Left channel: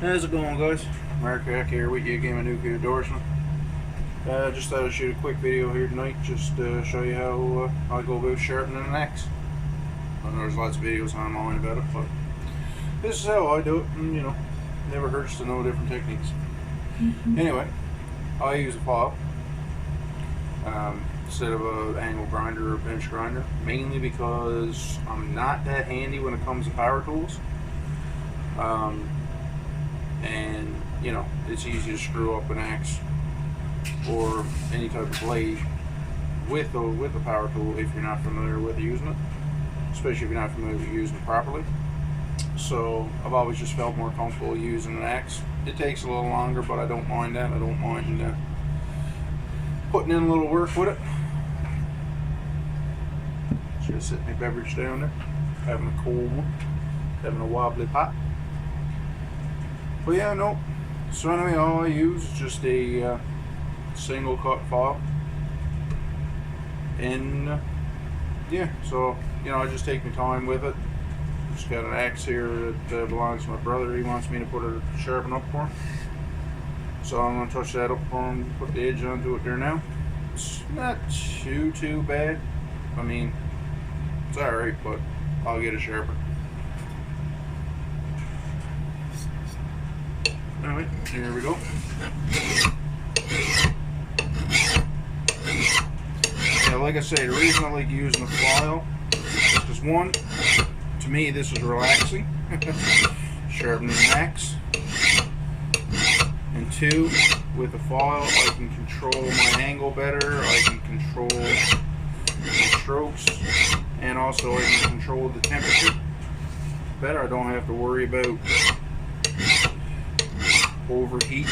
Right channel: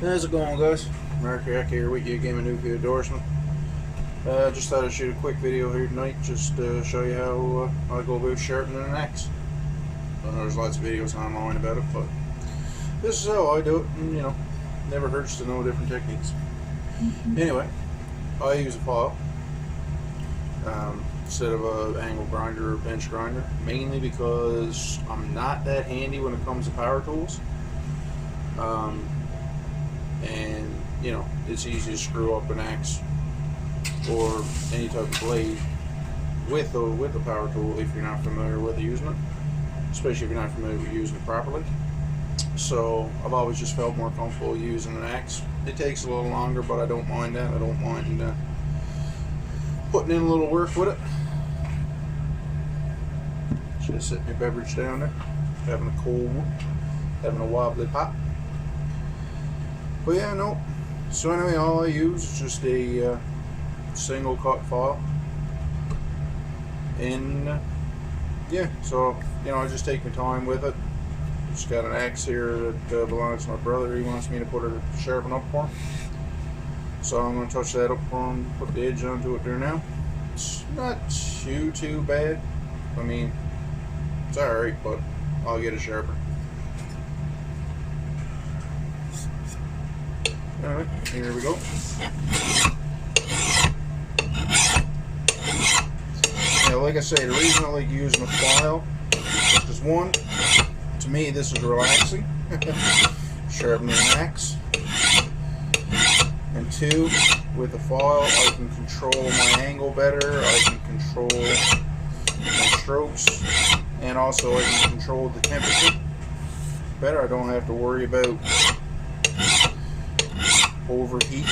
How's it going, guys? Mark Hack here with you again, a nuclear endorsement. Just thought I'd shoot a quick video here tonight, just to show you how I go about sharpening an axe. There's lots of videos online about it, but this is how I do it, and never hurts to know different techniques. Anyway, I use a file instead of an angle grinder or bench grinder, mainly because I'm not that handy when it comes to power tools. And it's easy to screw up an axe or any type of blade with a power tool if you're not familiar with using it, especially if you're not familiar with using it properly. So I've always just felt more comfortable using an axe. It takes a little longer, but I don't mind that. I don't mind putting in a little work with it. Just setting my beverage down there, having a cold one, having a wobbly pot. But yeah, no. So anyway, all I use is just a single cut file, and yeah. So I just take my time with it. Just got an axe here that belongs to my brother. He wants me to put it sharpen up for him, so I'm gonna touch that up for him. Put the edge onto it there now. It's not too bad. I mean, it's all right, but I'll get it sharper. Alright, here we go. Yeah, like I say, the reason I like using a file is because, one, to me this is relaxing, sharpening an axe, and two, with a file I can control my angle better, I can control my strokes, and also I can control the temperature better. I don't have to worry about overheating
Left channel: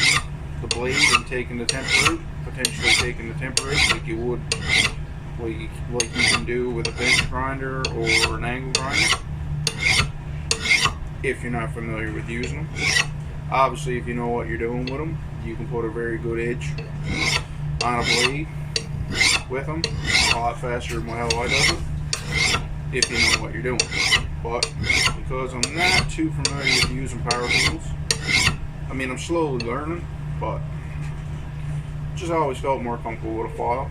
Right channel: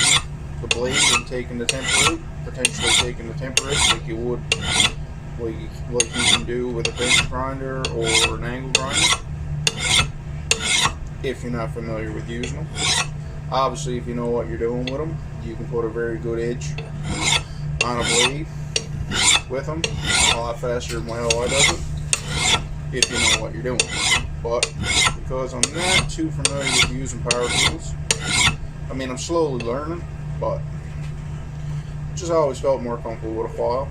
the blade and taking the temper out, potentially taking the temper out like you would, like you can do with a bench grinder or an angle grinder, if you're not familiar with using them. Obviously, if you know what you're doing with them, you can put a very good edge on a blade with them a lot faster than how I does it, if you know what you're doing. But because I'm not too familiar with using power tools, I mean, I'm slowly learning, but just always felt more comfortable with a file.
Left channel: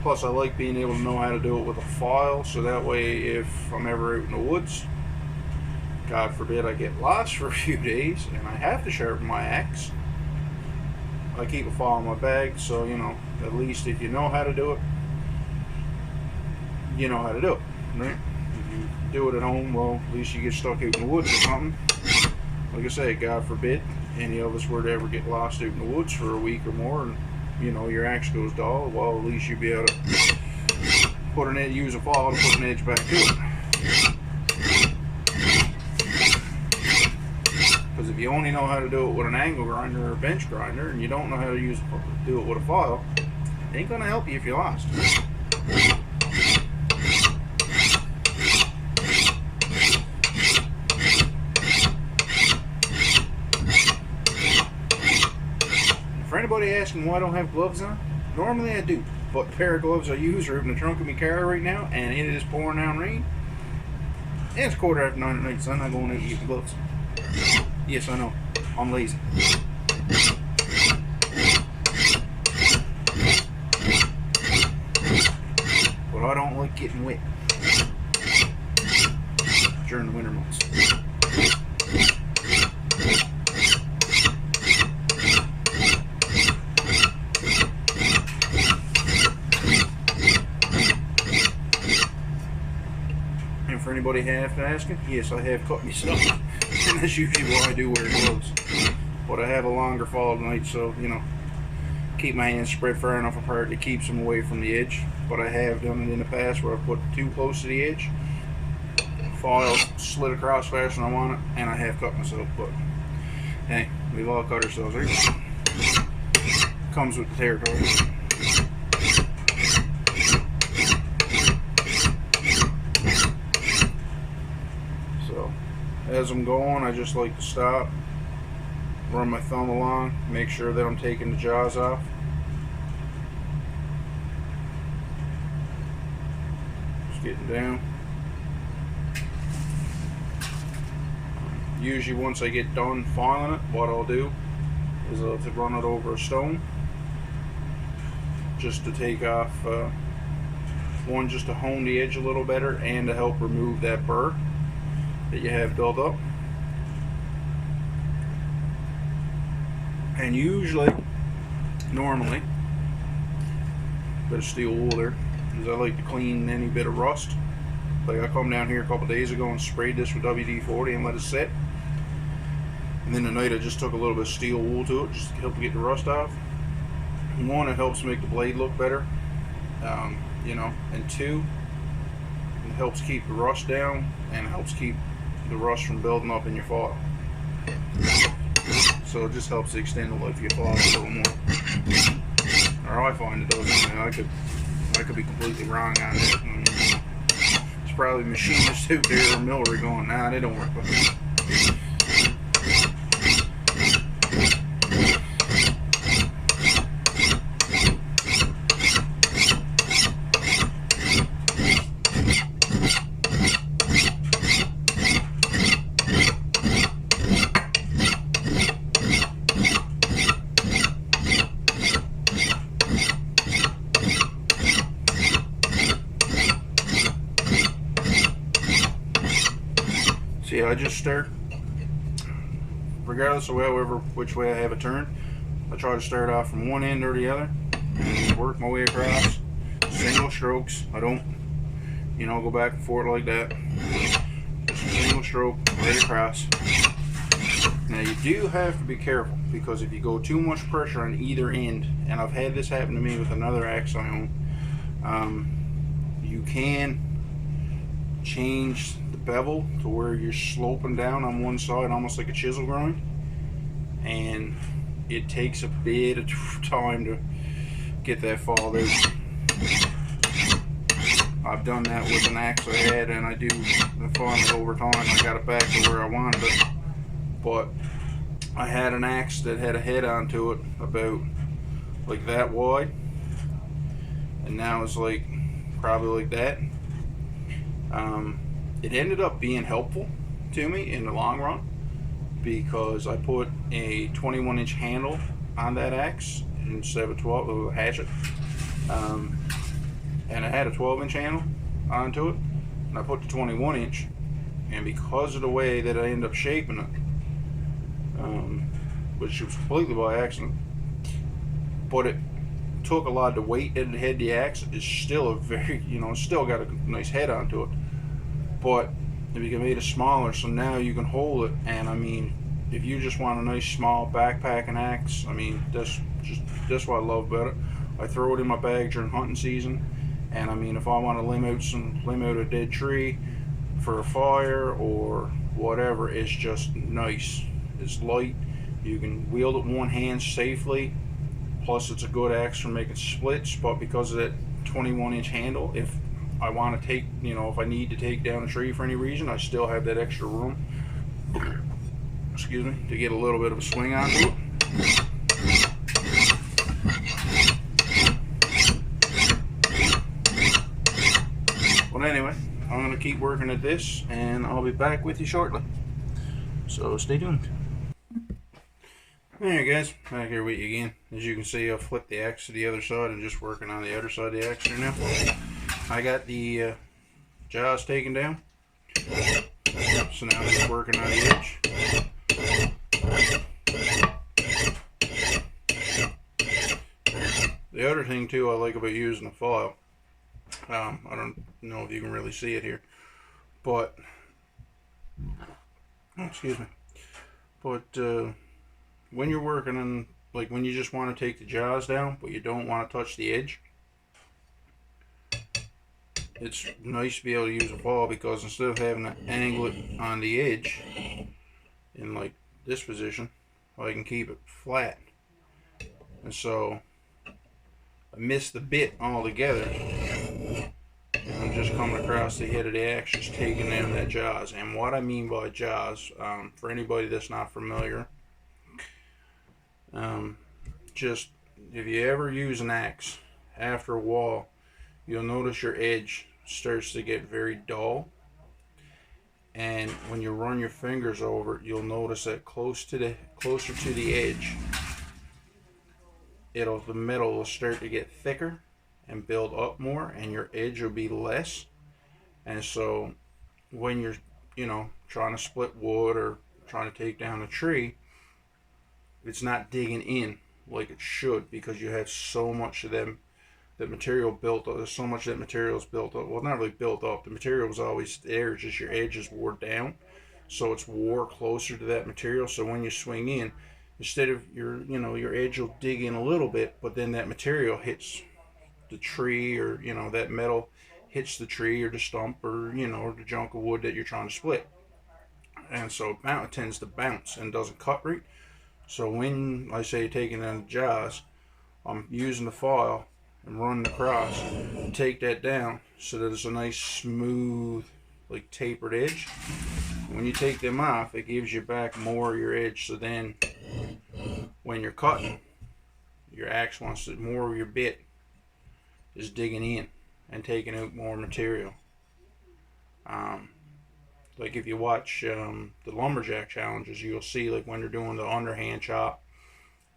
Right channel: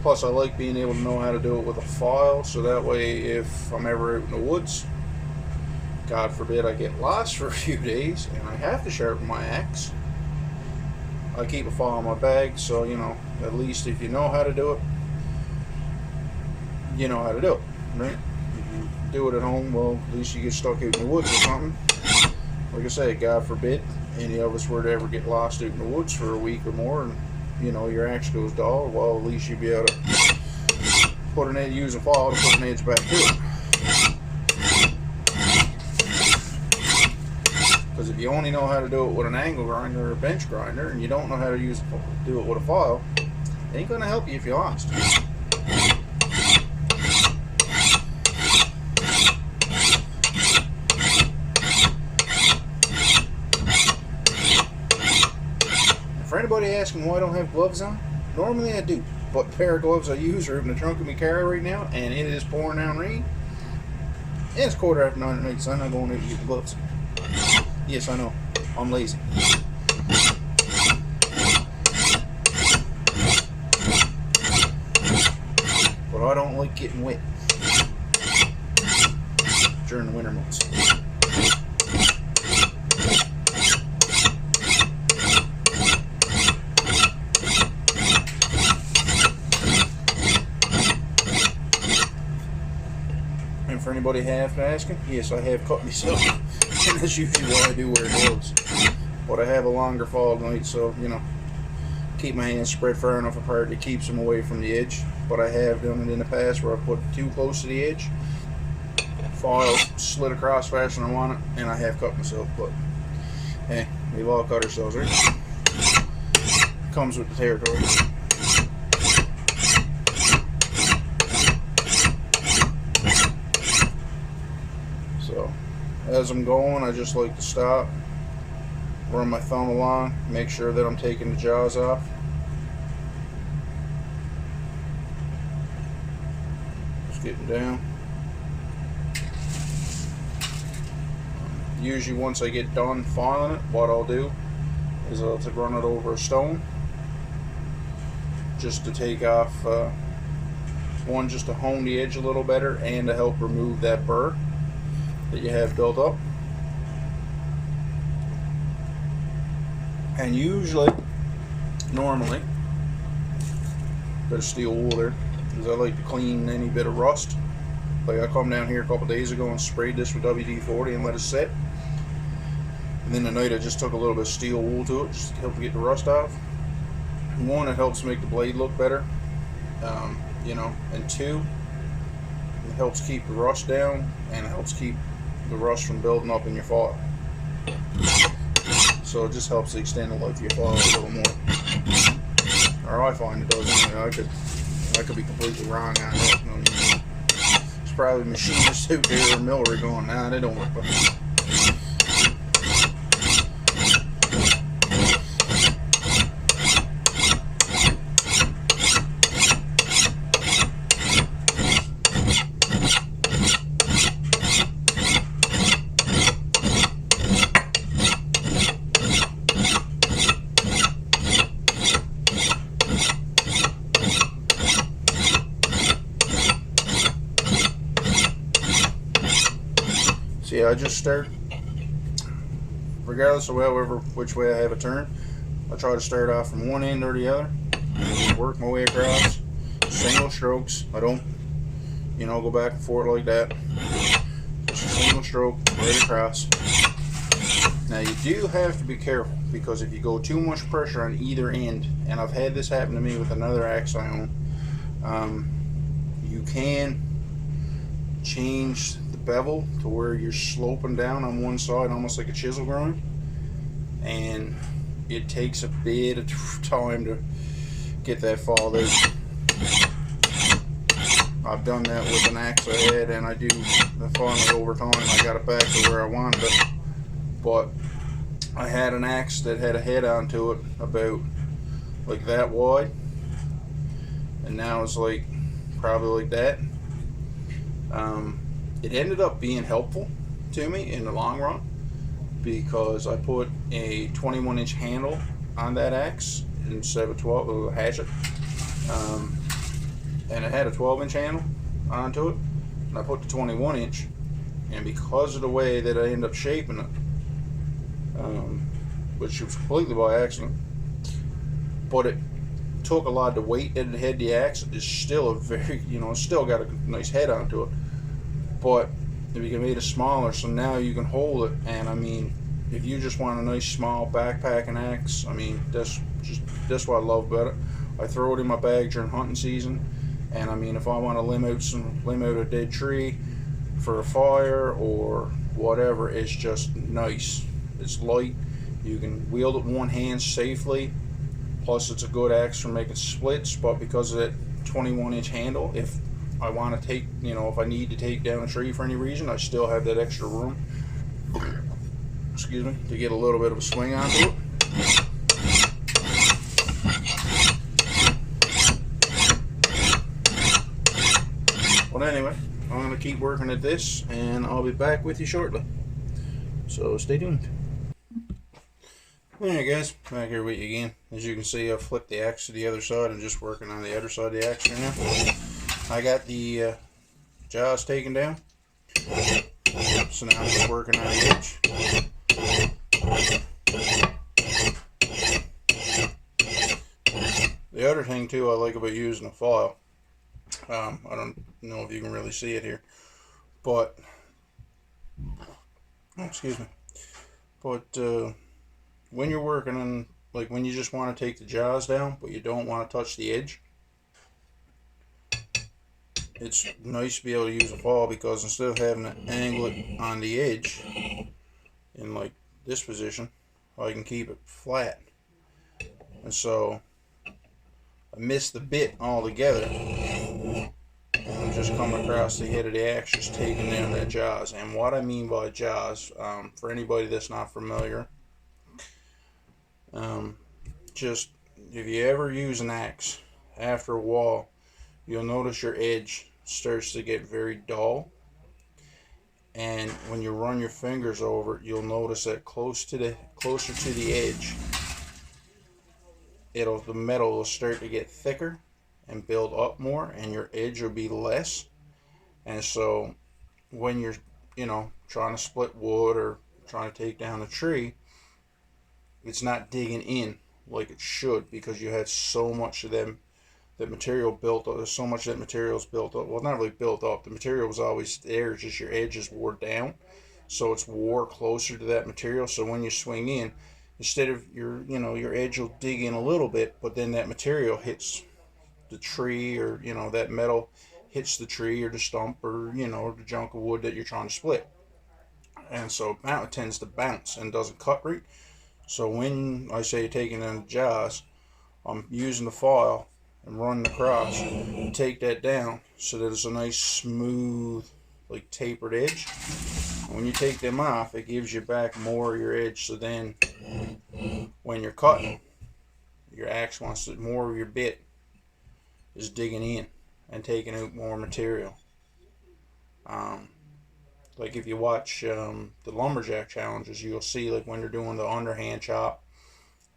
Plus, I like being able to know how to do it with a file, so that way if I'm ever out in the woods, God forbid I get lost for a few days and I have to sharpen my axe, I keep a file in my bag, so at least if you know how to do it, you know how to do it, right? If you do it at home, well, at least you get stuck out in the woods or something. Like I say, God forbid any of us were to ever get lost out in the woods for a week or more, and your axe goes dull. Well, at least you'd be able to use a file to put an edge back to it. Because if you only know how to do it with an angle grinder or a bench grinder, and you don't know how to do it with a file, it ain't gonna help you if you're lost. For anybody asking why I don't have gloves on, normally I do, but the pair of gloves I use are in the trunk of my car right now, and it is pouring down rain. And it's 9:15 at night, so I'm not going out to get the gloves. Yes, I know, I'm lazy. But I don't like getting wet during the winter months. For anybody asking, yes, I have cut myself, and that's usually why I do wear gloves. But I have a longer fall tonight, so keep my hands spread far enough apart that keeps them away from the edge. But I have done it in the past where I put too close to the edge, file slid across faster than I want it, and I have cut myself. But hey, we've all cut ourselves, right? Comes with the territory. As I'm going, I just like to stop, run my thumb along, make sure that I'm taking the jaws off. Just getting down. Usually once I get done filing it, what I'll do is I'll run it over a stone just to take off, one, just to hone the edge a little better and to help remove that burr that you have built up. And usually, normally, bit of steel wool there, because I like to clean any bit of rust. Like I come down here a couple days ago and sprayed this with WD-40 and let it sit. And then tonight I just took a little bit of steel wool to it just to help get the rust off. One, it helps make the blade look better, you know, and two, it helps keep the rust down and helps keep the rust from building up in your file. So it just helps to extend the life of your file a little more. Or I find it does. Anyway, I could be completely wrong on that. I mean, it's probably machinists out there or Millery going, nah, they don't work with me. See, I just start, regardless of which way I have it turned, I try to start off from one end or the other and just work my way across. Single strokes. I don't, you know, go back and forth like that. Just a single stroke right across. Now you do have to be careful, because if you go too much pressure on either end, and I've had this happen to me with another axe I own, you can change the bevel to where you're sloping down on one side almost like a chisel grind, and it takes a bit of time to get that fall out. I've done that with an axe I had, and I do finally over time I got it back to where I wanted it. But I had an axe that had a head onto it about like that wide, and now it's like probably like that. It ended up being helpful to me in the long run, because I put a 21-inch handle on that axe instead of a 12 hatchet, and I had a 12-inch handle onto it, and I put the 21-inch, and because of the way that I ended up shaping it, which was completely by accident, but it took a lot of the weight that it had the axe. It's still a very, you know, it's still got a nice head onto it, but if you can make it smaller, so now you can hold it. And I mean, if you just want a nice small backpacking axe, I mean, that's what I love about it. I throw it in my bag during hunting season, and I mean, if I want to limb out a dead tree for a fire or whatever, it's just nice. It's light, you can wield it one hand safely, plus it's a good axe for making splits. But because of that 21-inch handle, if I want to take, you know, if I need to take down a tree for any reason, I still have that extra room, excuse me, to get a little bit of a swing onto it. But anyway, I'm going to keep working at this, and I'll be back with you shortly. So stay tuned. Alright guys, back here with you again. As you can see, I've flipped the axe to the other side and just working on the other side of the axe here now. I got the jaws taken down, so now I'm just working on the edge. The other thing too I like about using a file, I don't know if you can really see it here, but excuse me, but when you're working on, like when you just want to take the jaws down but you don't want to touch the edge, it's nice to be able to use a file, because instead of having to angle it on the edge in like this position, I can keep it flat. And so I missed the bit altogether, and I'm just coming across the head of the axe, just taking down that jaws. And what I mean by jaws, for anybody that's not familiar, just if you ever use an axe, after a while you'll notice your edge starts to get very dull, And when you run your fingers over it, you'll notice that closer to the edge, the metal will start to get thicker and build up more, and your edge will be less. And so when you're, trying to split wood or trying to take down a tree, it's not digging in like it should, because you have so much of that material built up. There's so much that material is built up. Well, not really built up. The material was always there. It's just your edges wore down, so it's wore closer to that material. So when you swing in, instead of your edge will dig in a little bit, but then that material hits the tree, or that metal hits the tree or the stump, or or the chunk of wood that you're trying to split, and so it tends to bounce and doesn't cut right. So when I say taking down the jaws, I'm using the file and running across and take that down so that it's a nice smooth, like tapered edge. And when you take them off, it gives you back more of your edge. So then when you're cutting, your axe wants to, more of your bit is digging in and taking out more material. Like if you watch the lumberjack challenges, you'll see like when they're doing the underhand chop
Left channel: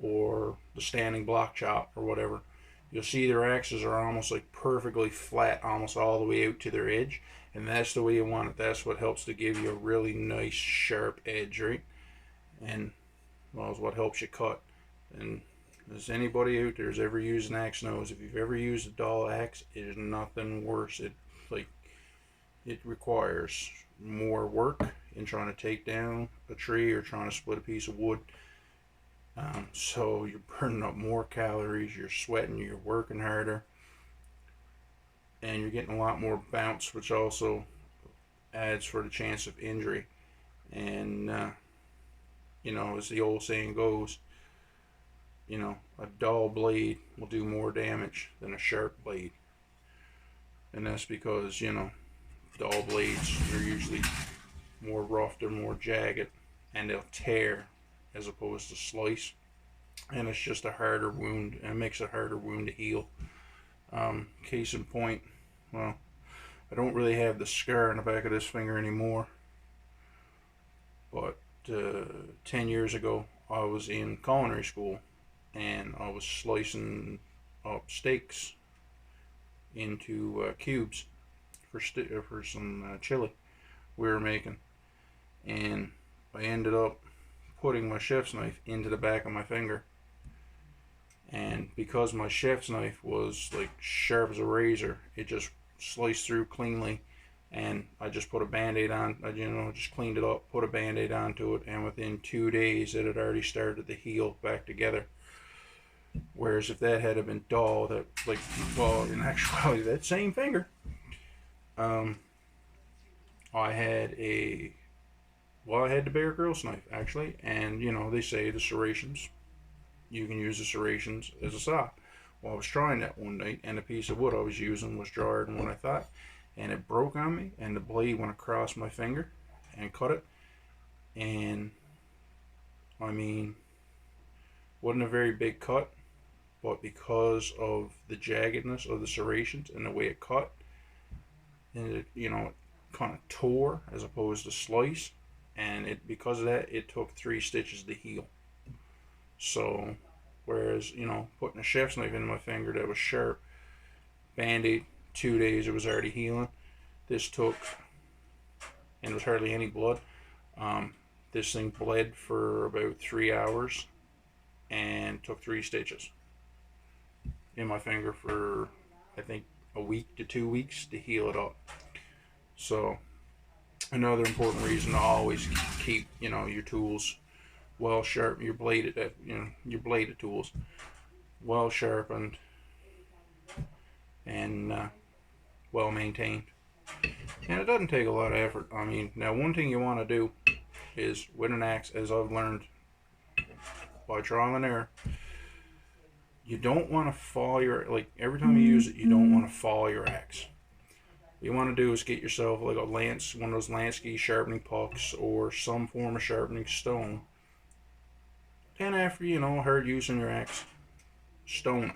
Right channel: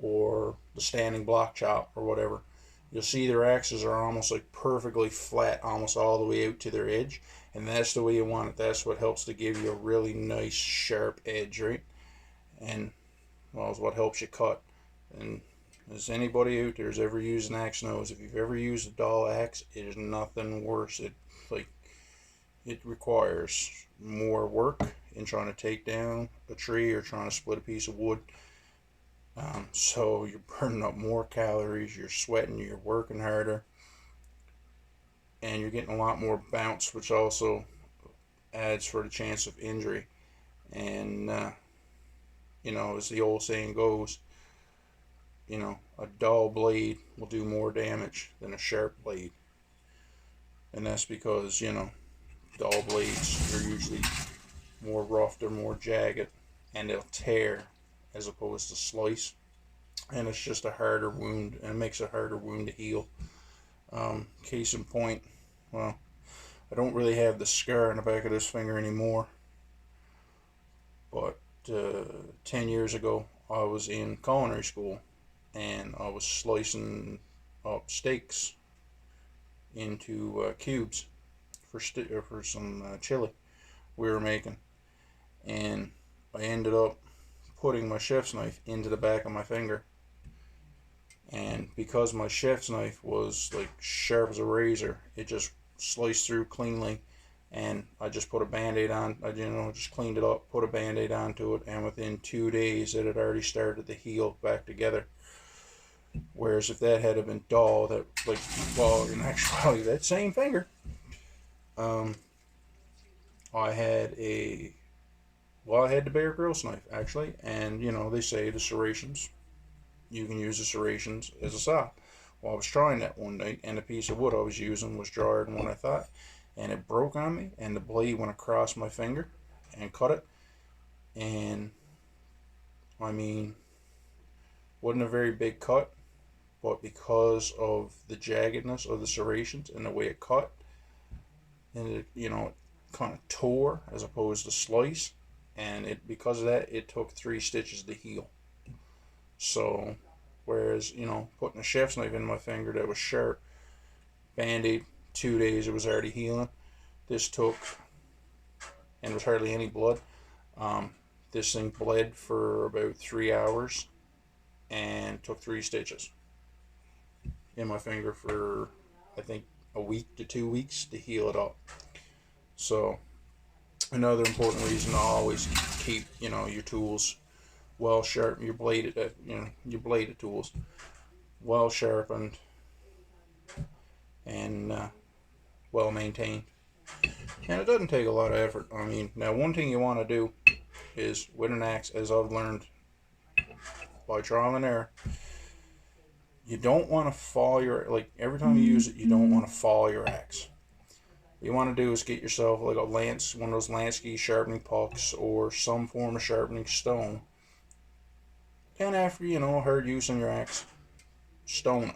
or the standing block chop or whatever, you'll see their axes are almost like perfectly flat, almost all the way out to their edge, and that's the way you want it. That's what helps to give you a really nice sharp edge, right? And well, is what helps you cut. And as anybody out there has ever used an axe knows, if you've ever used a dull axe, it is nothing worse. It requires more work in trying to take down a tree or trying to split a piece of wood. So you're burning up more calories, you're sweating, you're working harder, and you're getting a lot more bounce, which also adds for the chance of injury. And as the old saying goes, a dull blade will do more damage than a sharp blade. And that's because, dull blades are usually more rough, they're more jagged, and they'll tear as opposed to slice. And it's just a harder wound, and it makes a harder wound to heal. Case in point, well, I don't really have the scar in the back of this finger anymore, but 10 years ago I was in culinary school, and I was slicing up steaks into cubes for some chili we were making, and I ended up putting my chef's knife into the back of my finger. And because my chef's knife was like sharp as a razor, it just sliced through cleanly. And I just put a band-aid on. I just cleaned it up, put a band-aid onto it, and within 2 days it had already started to heal back together. Whereas if that had been dull, in actuality, that same finger, I had the Bear Grylls knife actually, and they say the serrations, you can use the serrations as a saw. Well, I was trying that one night, and the piece of wood I was using was drier than what I thought, and it broke on me, and the blade went across my finger and cut it. And I mean, wasn't a very big cut, but because of the jaggedness of the serrations and the way it cut, and it kind of tore as opposed to slice, and because of that, it took 3 stitches to heal. So whereas putting a chef's knife in my finger that was sharp, band-aid, 2 days it was already healing. This took, and there was hardly any blood. This thing bled for about 3 hours and took 3 stitches in my finger for I think a week to 2 weeks to heal it up. So another important reason to always keep your tools well sharp, your bladed tools well sharpened and well maintained. And it doesn't take a lot of effort. I mean, now one thing you want to do is with an axe, as I've learned by trial and error, you don't want to fall every time you use it, you don't want to fall your axe. What you want to do is get yourself like one of those Lansky sharpening pucks or some form of sharpening stone. And after hard use on your axe, stone it,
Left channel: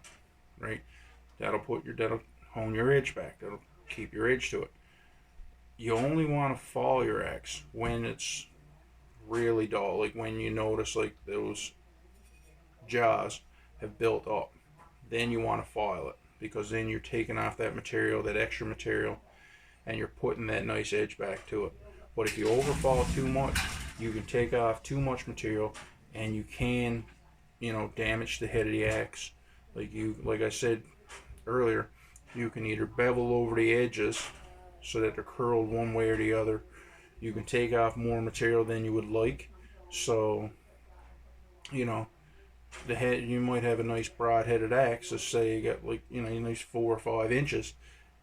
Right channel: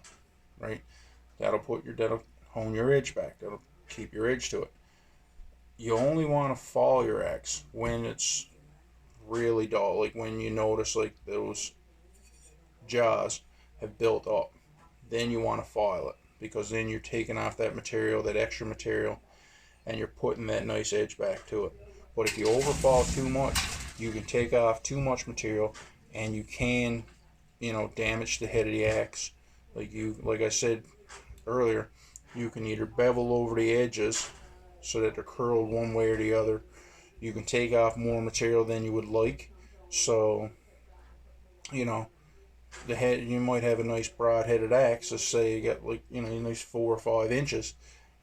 right? That'll hone your edge back. That'll keep your edge to it. you only want to file your axe when it's really dull, like when you notice like those jaws have built up. Then you want to file it, because then you're taking off that material, that extra material, and you're putting that nice edge back to it. But if you overfall too much, you can take off too much material, and you can, damage the head of the axe. Like I said earlier, you can either bevel over the edges so that they're curled one way or the other. You can take off more material than you would like. So, you know, the head, you might have a nice broad-headed axe. Let's say you got like a nice 4 or 5 inches,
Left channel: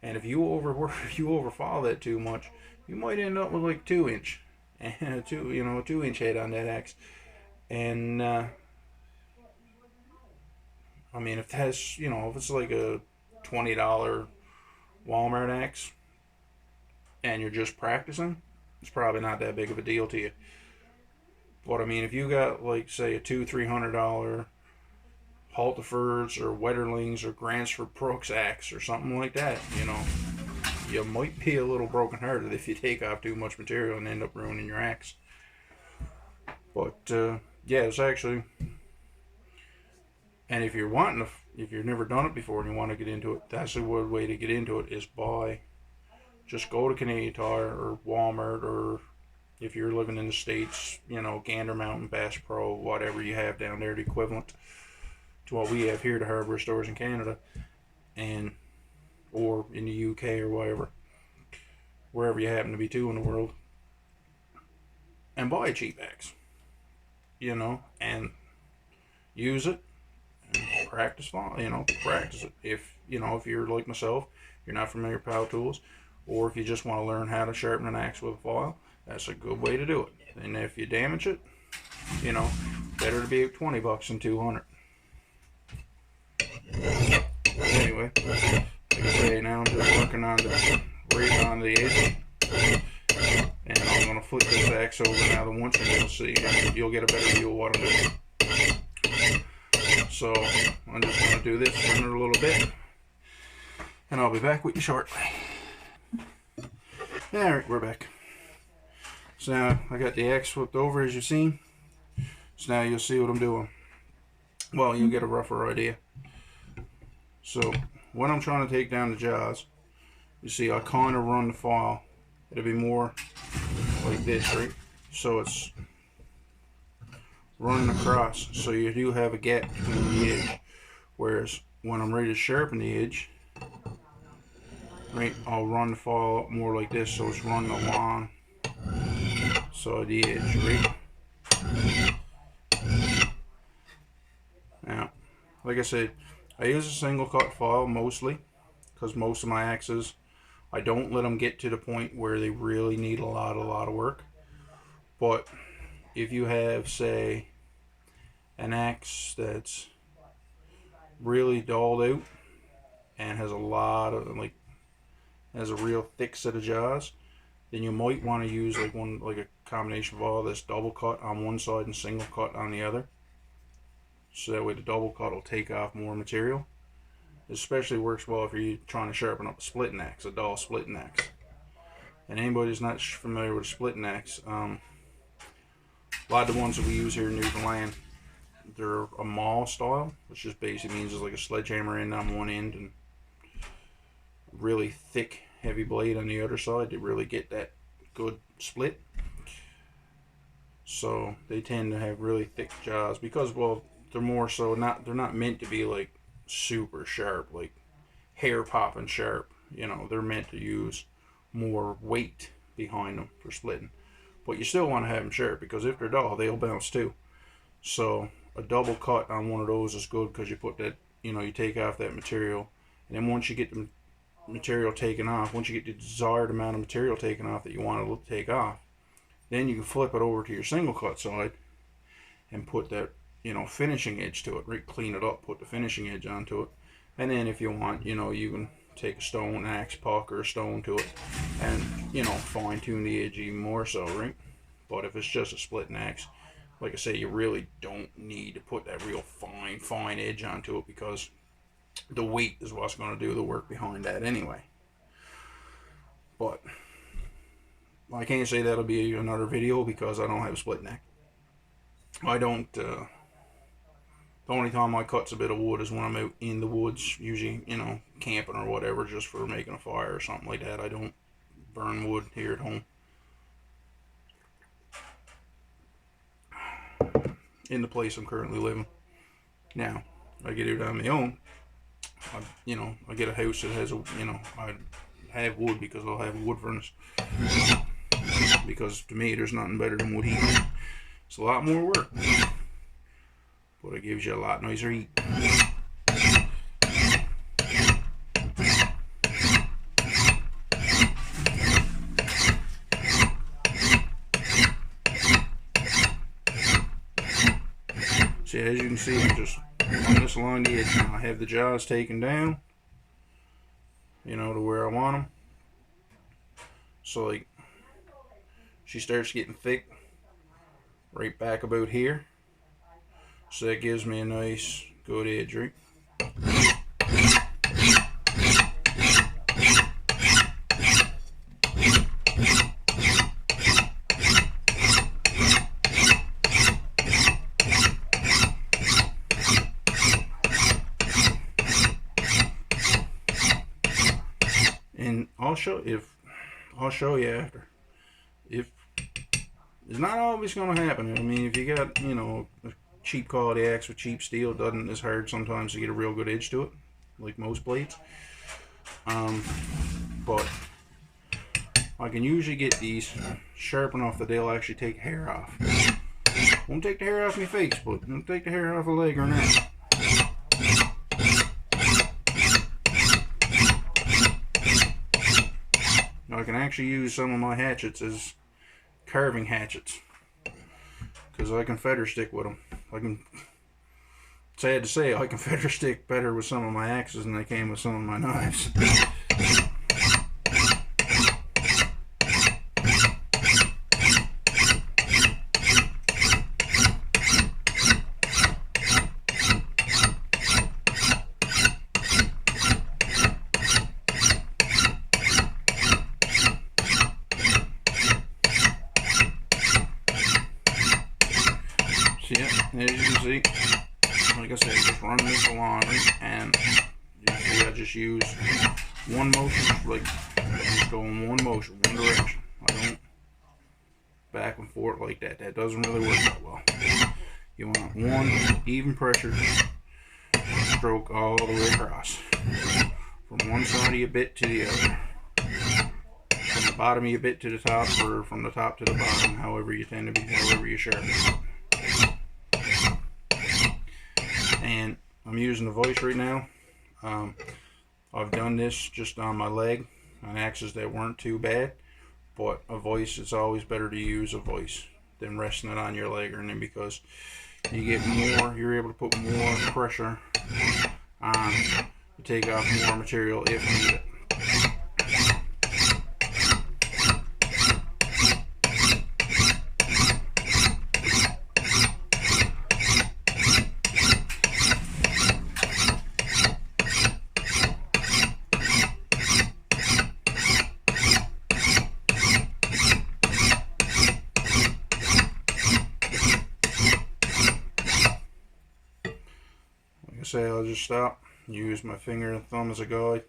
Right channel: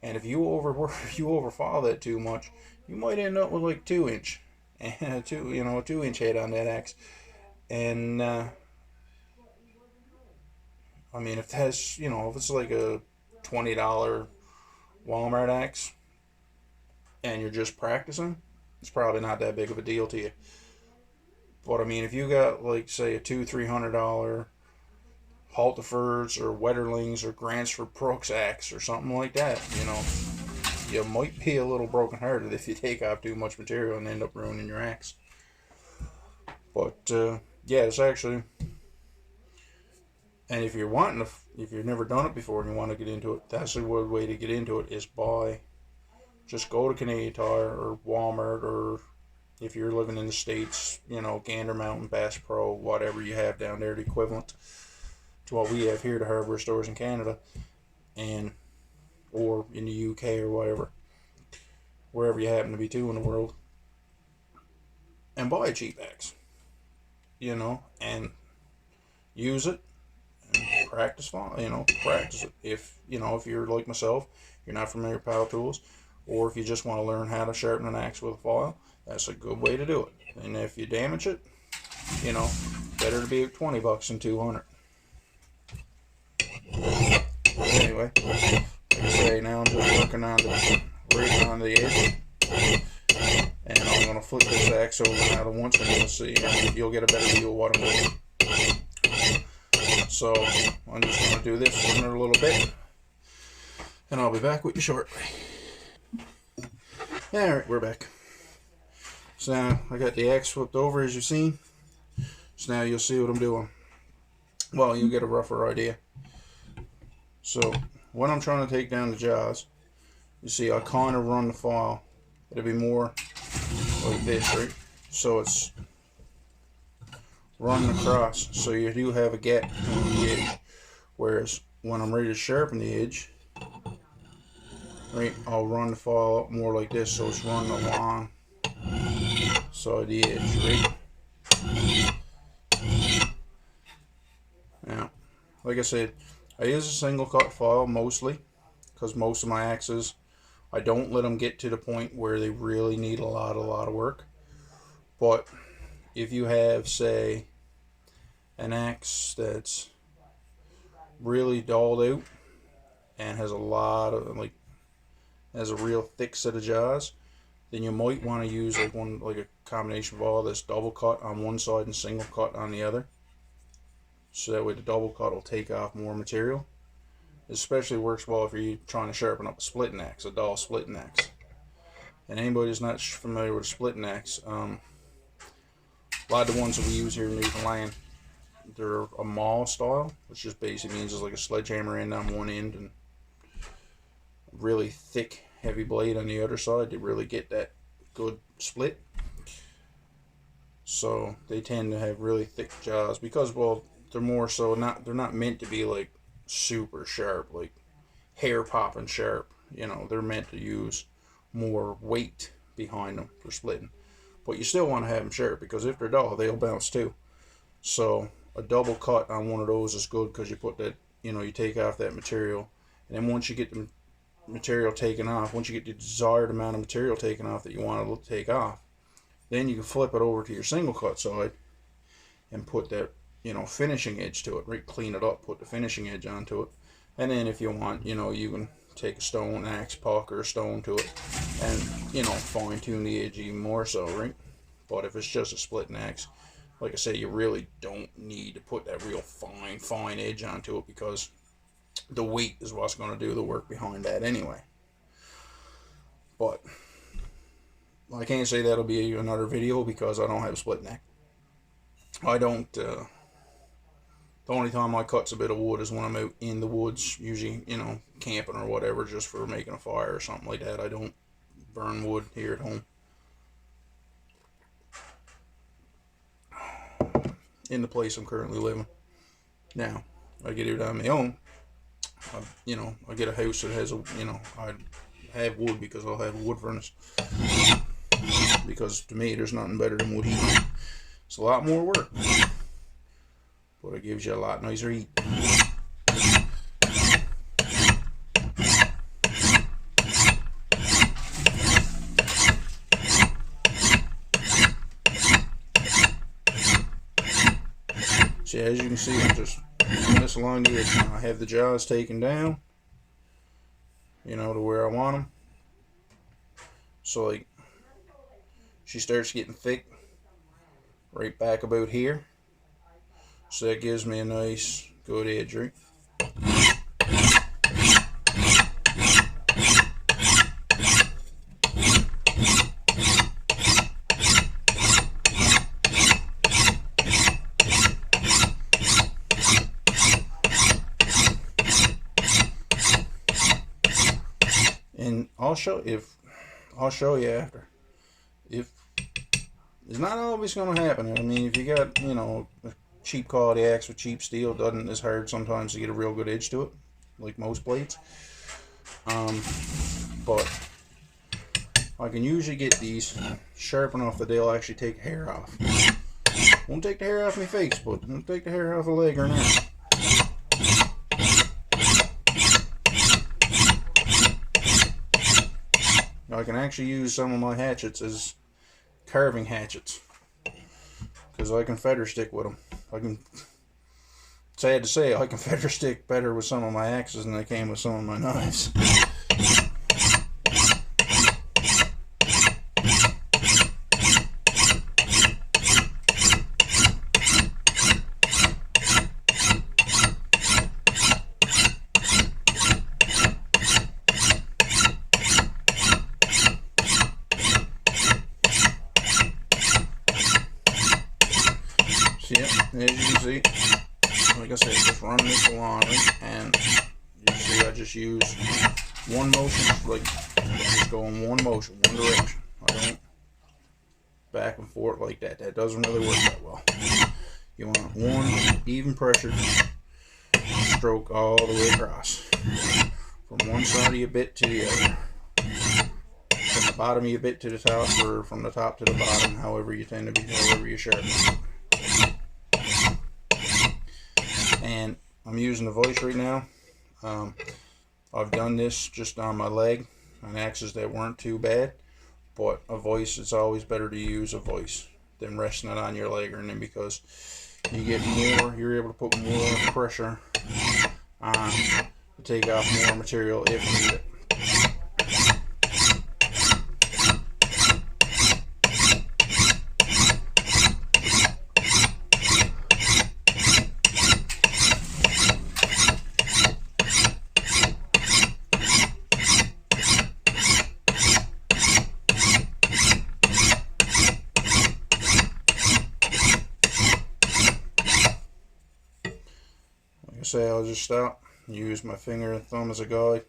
and if you overwork, if you overfall that too much, you might end up with like 2 inch, and a 2 inch head on that axe. And I mean, if that's if it's like a $20 Walmart axe, and you're just practicing, it's probably not that big of a deal to you. But I mean, if you got like say a $200-300 Halterfords or Wetterlings or Gransford Brooks axe or something like that, you might be a little brokenhearted if you take off too much material and end up ruining your axe. But yeah, it's actually, and if if you've never done it before and you want to get into it, that's a good way to get into it, is just go to Canadian Tire or Walmart, or if you're living in the States, Gander Mountain, Bass Pro, whatever you have down there, the equivalent to what we have here, the hardware stores in Canada, and or in the UK or wherever you happen to be in the world, and buy a cheap axe, and use it and practice it. If you're like myself, you're not familiar with power tools, or if you just want to learn how to sharpen an axe with a file, that's a good way to do it. And if you damage it, better to be $20 than 200. Anyway, like I say, now I'm just working on the edge, and I'm gonna flip this axe over now the once, and you'll see, and you'll get a better view of what I'm doing. So I'm just gonna do this for another little bit, and I'll be back with you shortly. Alright, we're back. So now I got the axe flipped over, as you've seen. So now you'll see what I'm doing. Well, you'll get a rougher idea. So when I'm trying to take down the jaws, you see I kind of run the file. It'll be more like this, right? So it's running across, so you do have a gap between the edge. Whereas when I'm ready to sharpen the edge, right, I'll run the file up more like this, so it's running along side the edge, right? Now, like I said, I use a single cut file mostly, because most of my axes, I don't let them get to the point where they really need a lot of work. But if you have, say, an axe that's really dulled out and has a lot of has a real thick set of jaws, then you might want to use like a combination file that's double cut on one side and single cut on the other. So that way the double cut will take off more material. It especially works well if you're trying to sharpen up a splitting axe, a dull splitting axe. And anybody who's not familiar with a splitting axe, a lot of the ones that we use here in Newfoundland, they're a maul style, which just basically means it's like a sledgehammer end on one end and really thick, heavy blade on the other side to really get that good split. So they tend to have really thick jaws because, well, they're not meant to be like super sharp, like hair popping sharp. They're meant to use more weight behind them for splitting. But you still want to have them sharp, because if they're dull, they'll bounce too. So a double cut on one of those is good, because you put that, you take off that material, and then once you get the material taken off, once you get the desired amount of material taken off that you want to take off, then you can flip it over to your single cut side and put that finishing edge to it, right? Clean it up, put the finishing edge onto it, and then if you want, you can take a stone axe puck or a stone to it and fine tune the edge even more so, right? But if it's just a splitting axe, like I say, you really don't need to put that real fine edge onto it, because the weight is what's going to do the work behind that anyway. But I can't say that'll be another video because I don't have a split neck. I don't, the only time I cuts a bit of wood is when I'm out in the woods, usually, you know, camping or whatever, just for making a fire or something like that. I don't burn wood here at home. In the place I'm currently living. Now, I get it on my own. I get a house that has I have wood because I'll have a wood furnace. Because to me, there's nothing better than wood heat. It's a lot more work, but it gives you a lot nicer heat. See, as you can see, I'm just running this along the edge now. I have the jaws taken down, you know, to where I want them. So, like, she starts getting thick right back about here. So that gives me a nice, good edge, right? And I'll show you after. If it's not always going to happen. I mean, if you got, you know, a cheap quality axe with cheap steel, it's hard sometimes to get a real good edge to it, like most blades. But I can usually get these sharp enough that they'll actually take hair off. Won't take the hair off my face, but it'll take the hair off a leg or an arm. I can actually use some of my hatchets as carving hatchets because I can feather stick with them. Sad to say, I can feather stick better with some of my axes than I can with some of my knives. Yeah, as you can see, like I said, just running this along, right? And you see I just use one motion, like just go in one motion, one direction. I don't back and forth like that. That doesn't really work that well. You want one even pressure stroke all the way across, from one side of your bit to the other, from the bottom of your bit to the top, or from the top to the bottom, however you tend to be, however you sharpen it. And I'm using the vise right now. I've done this just on my leg on axes that weren't too bad, but a vise, it's always better to use a vise than resting it on your leg or anything, because you get more, you're able to put more pressure on to take off more material if needed. Say I'll just stop, use my finger and thumb as a guide,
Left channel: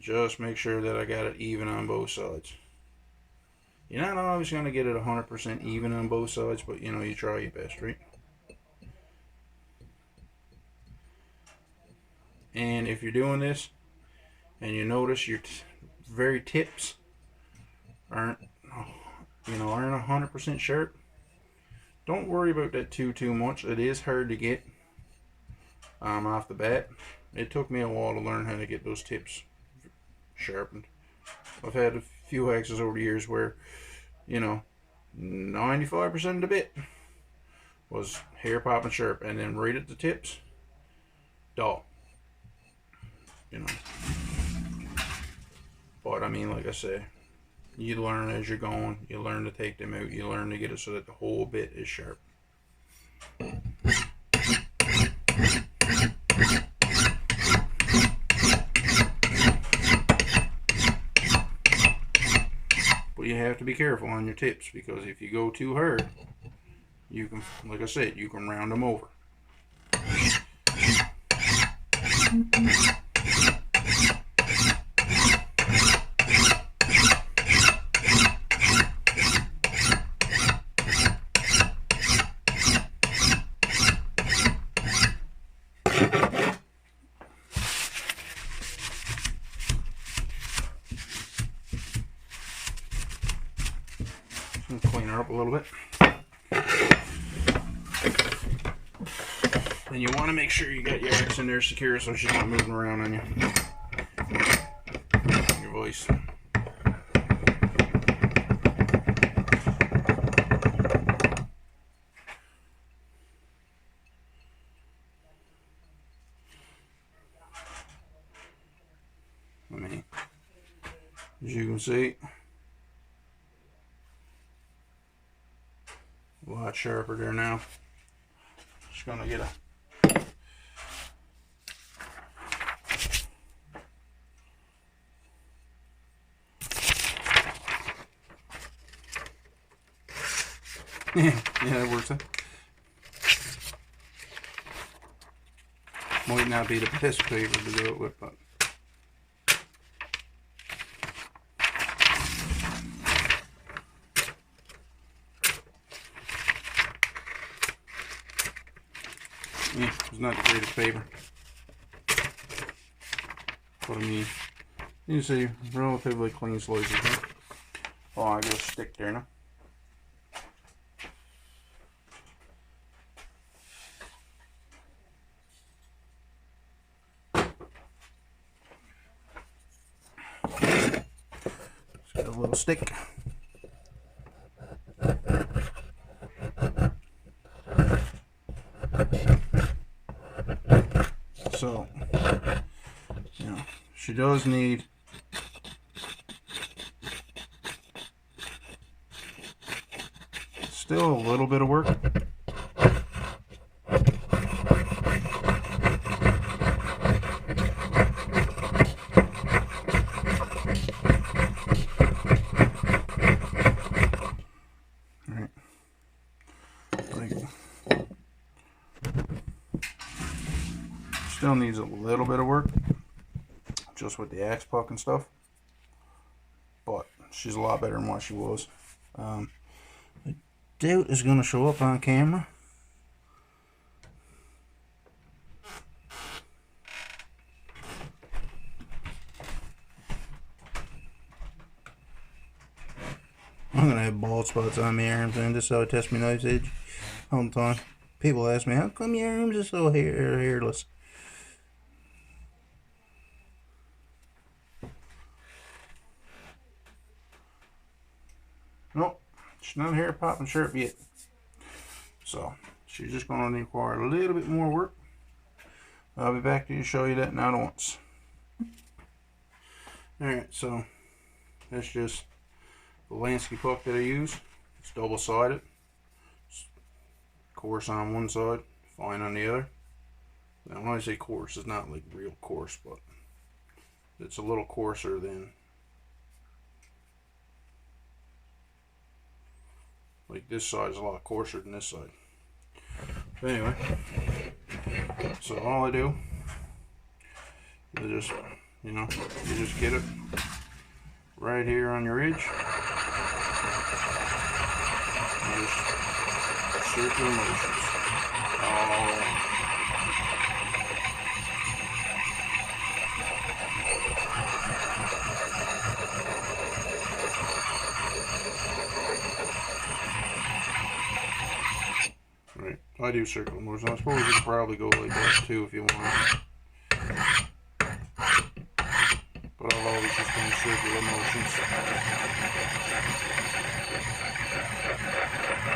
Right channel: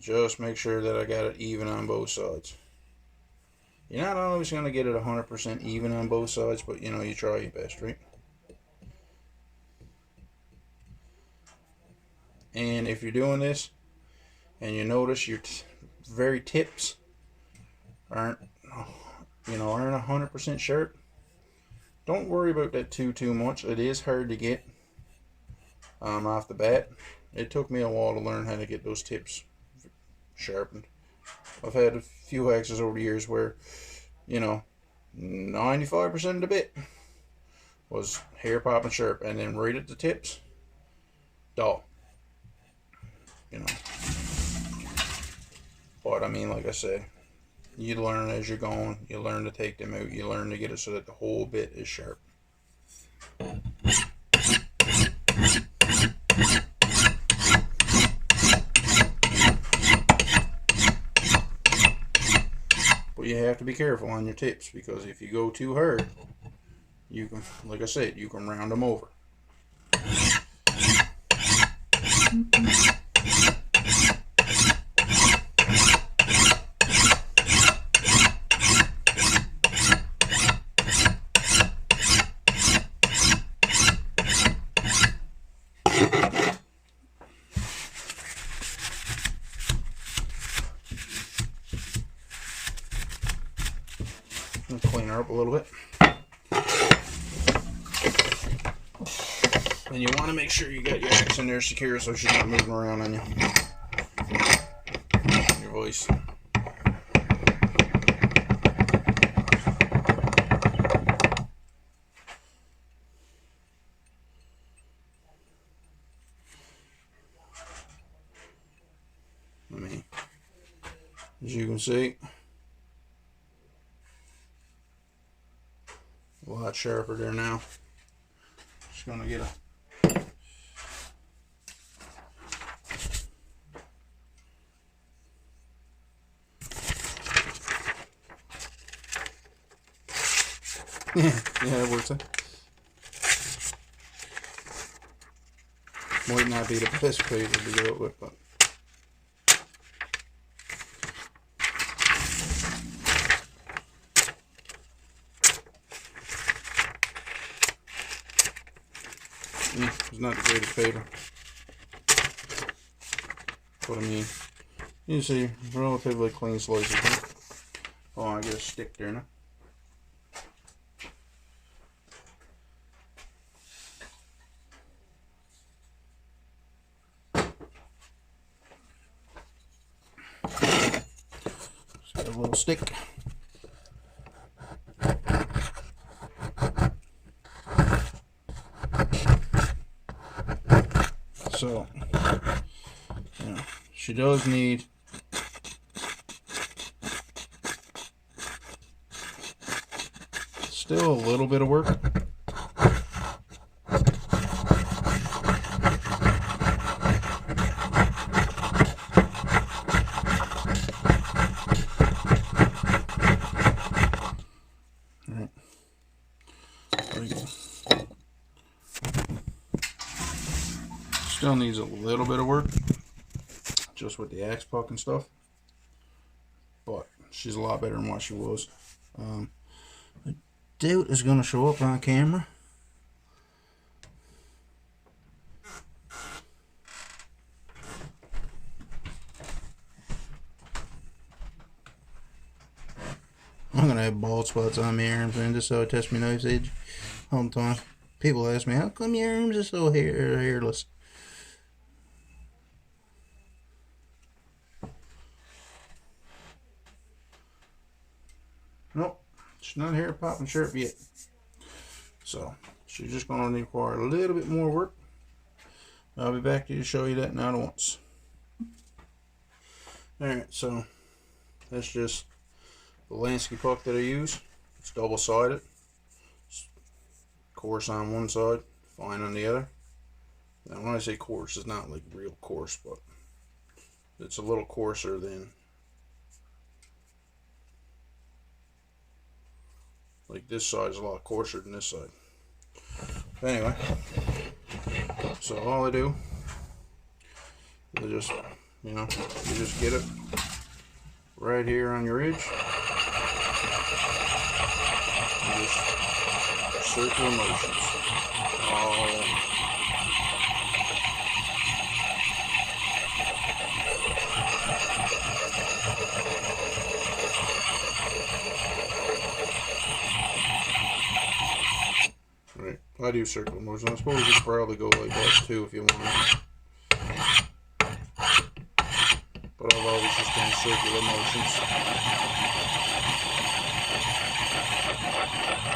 just make sure that I got it even on both sides. You're not always going to get it 100% even on both sides, but you know, you try your best, right? And if you're doing this and you notice your very tips aren't 100% sharp, don't worry about that too much. It is hard to get off the bat. It took me a while to learn how to get those tips sharpened. I've had a few axes over the years where, 95% of the bit was hair popping sharp, and then right at the tips, dull. But I mean, like I said, you learn as you're going. You learn to take them out. You learn to get it so that the whole bit is sharp. But you have to be careful on your tips, because if you go too hard, you can, like I said, you can round them over. Clean her up a little bit. And you want to make sure you got your axe in there secure so she's not moving around on you. Your voice. I mean, as you can see, a lot sharper there now. Just gonna get a yeah, that works. Might not be the best paper to do it with, but yeah, it's not the greatest paper. But I mean, you see, relatively clean slices. Huh? Oh, I get a stick there now. Just got a little stick. So, you know, she does need still a little bit of work. Alright. There you go. Still needs a little bit of work, just with the axe puck and stuff, but she's a lot better than what she was. I doubt it's going to show up on camera. I'm going to have bald spots on my arms, and just so I test my knife's edge all the time. People ask me, how come your arms are so hairless? Nope, she's not hair popping sharp yet. So she's just going to require a little bit more work. I'll be back to show you that now at once. Alright, so that's just the Lansky puck that I use. It's double-sided. It's coarse on one side, fine on the other. Now when I say coarse, it's not like real coarse, but it's a little coarser than, like, this side is a lot coarser than this side. But anyway, so all I do is just, you know, you just get it right here on your edge. You just circular motions all around. Right, I do circular motions. I suppose you could probably go like that too if you want. But I've always just done circular motions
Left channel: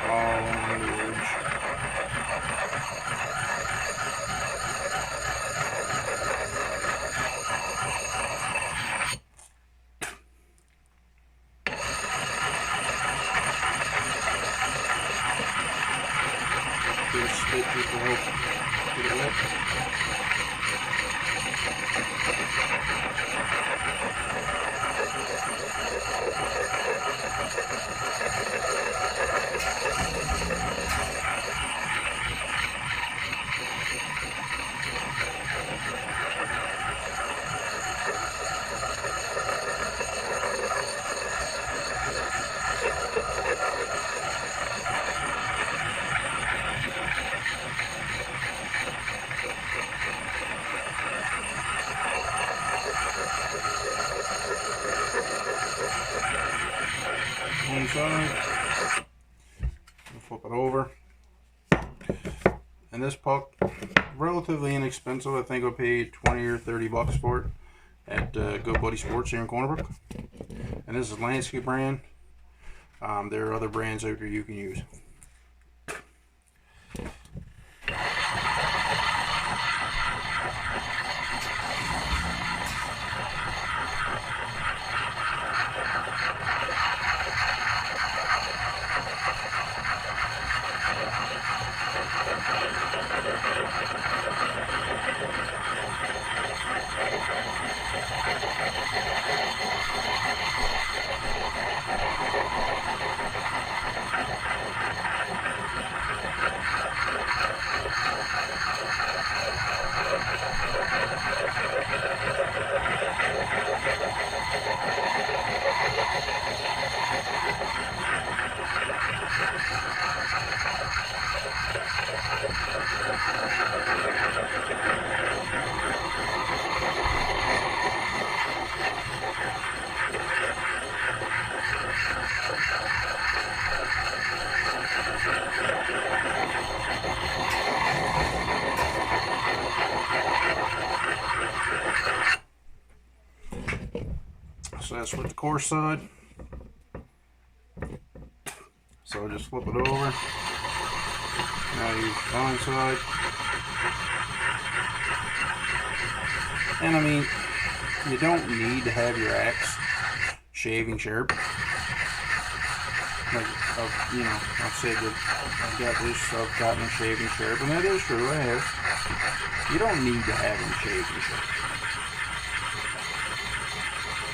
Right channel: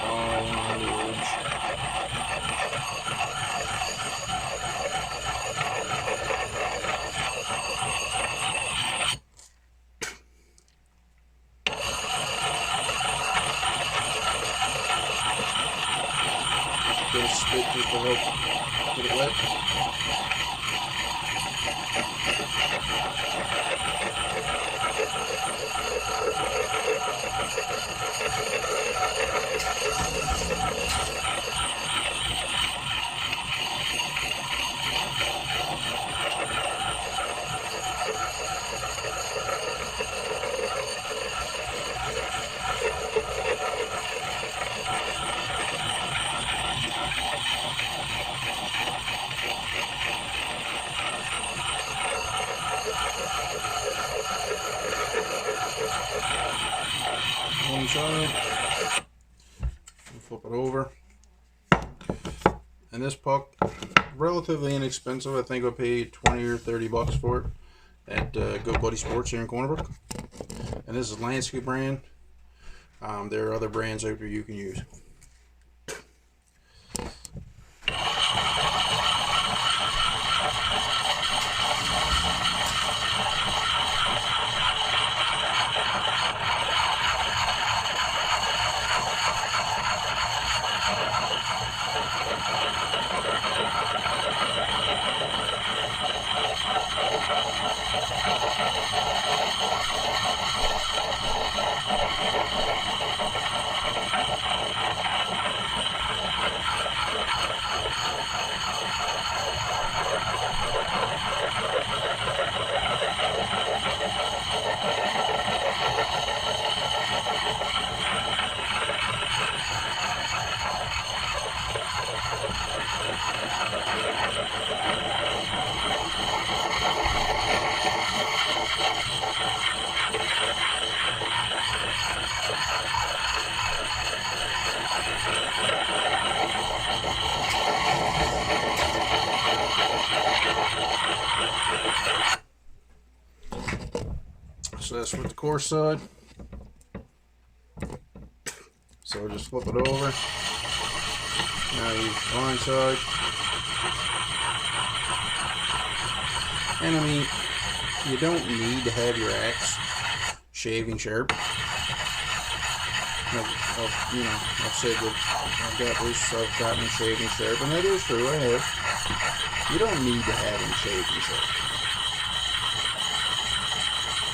all around the edge. Get a spit just to help get it wet. One side, flip it over, and this puck, relatively inexpensive. I think I paid 20 or 30 bucks for it at Good Buddy Sports here in Corner Brook. And this is Landscape brand. There are other brands out there you can use. So that's with the coarse side. So just flip it over. Now use the fine side. And I mean, you don't need to have your axe shaving sharp. Like, I've said that I've got this, I've gotten them shaving sharp, and that is true, I have. You don't need to have them shaving sharp.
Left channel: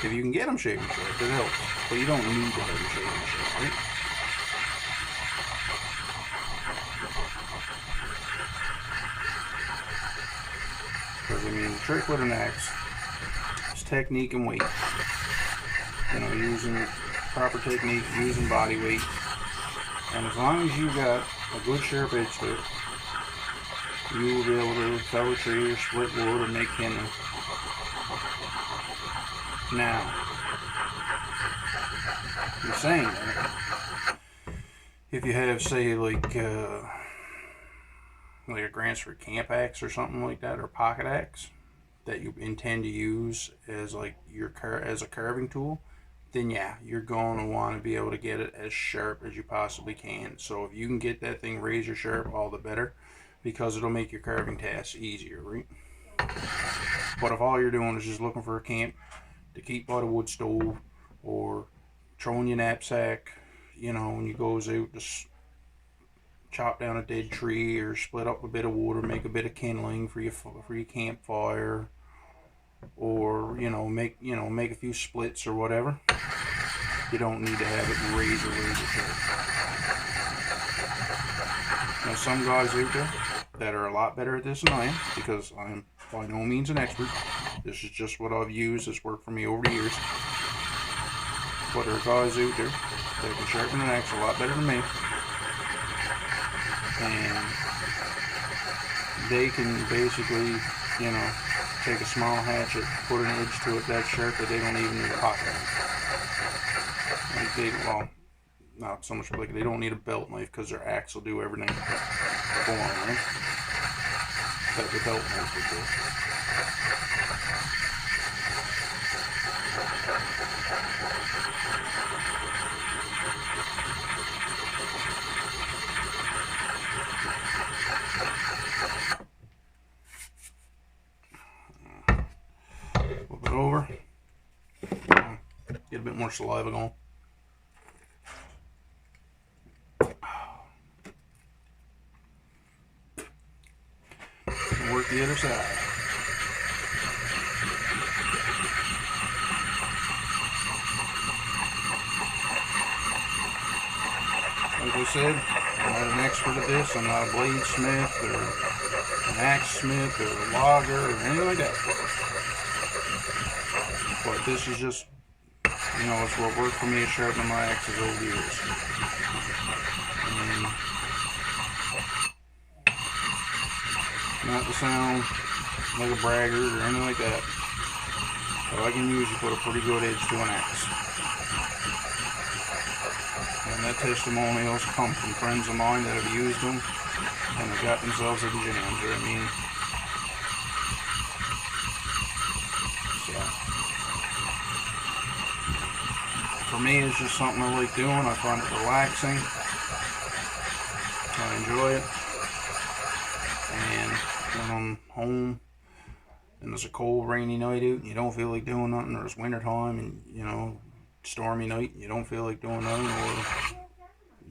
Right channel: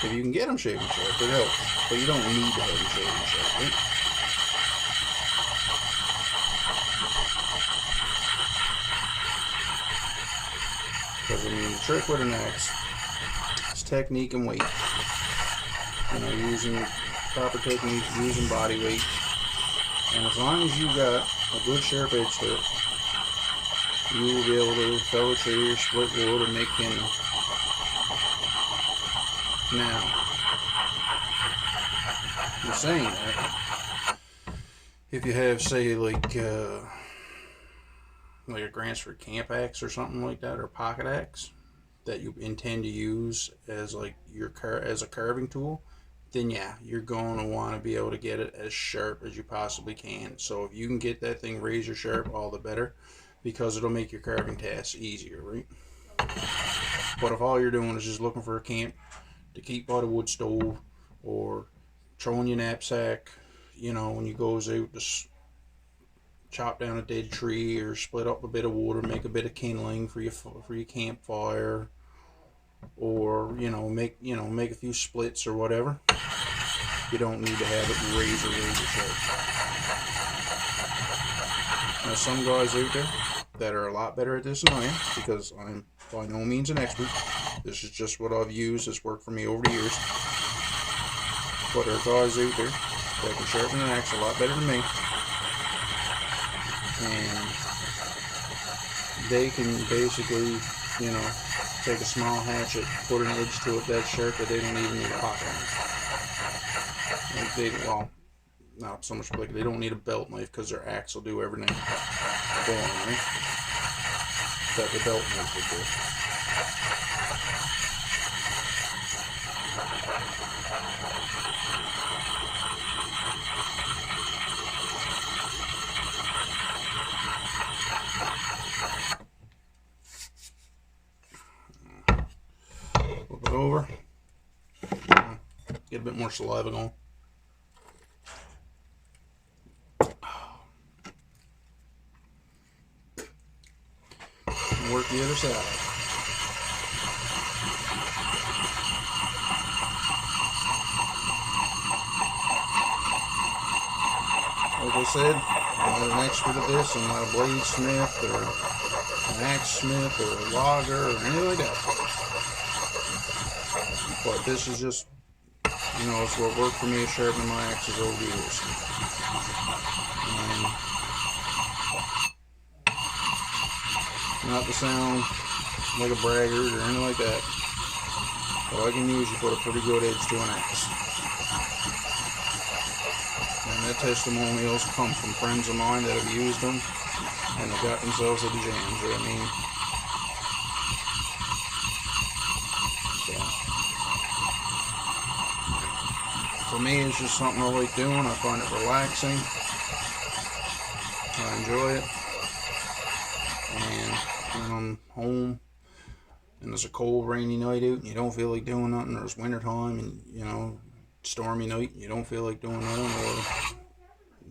If you can get them shaving sharp, it helps. But you don't need to have them shaving sharp, right? Because, I mean, the trick with an axe is technique and weight. You know, using proper technique, using body weight. And as long as you got a good sharp edge to it, you will be able to fell a tree or split wood or make kindling. Now, I'm saying that if you have, say, like a Gransford camp axe or something like that, or pocket axe that you intend to use as like as a carving tool, then yeah, you're going to want to be able to get it as sharp as you possibly can. So if you can get that thing razor sharp, all the better, because it'll make your carving tasks easier, right? But if all you're doing is just looking for a camp to keep by the wood stove, or throwing your knapsack, you know, when you goes out to chop down a dead tree or split up a bit of wood or make a bit of kindling for your campfire, or make a few splits or whatever, you don't need to have it razor sharp. Now, some guys out there that are a lot better at this than I am, because I'm by no means an expert. This is just what I've used. It's worked for me over the years. But there are guys out there that can sharpen an axe a lot better than me. And they can basically, take a small hatchet, put an edge to it that sharp that they don't even need a pocket knife. Well, not so much like they don't need a belt knife, because their axe will do everything for them, right? That the belt knife would do. Flip it over. Get a bit more saliva going. And work the other side. Like I said, I'm not an expert at this. I'm not a bladesmith or an axe smith or a logger or anything like that. But this is just, it's what worked for me at sharpening my axes over the years. And not to sound like a braggart or anything like that, but I can usually put a pretty good edge to an axe. And that testimonials come from friends of mine that have used them and they got themselves at the jams, you know what I mean? So, for me, it's just something I like doing. I find it relaxing. I enjoy it. And when I'm home and there's a cold, rainy night out and you don't feel like doing nothing, or it's winter time and, stormy night and you don't feel like doing nothing, or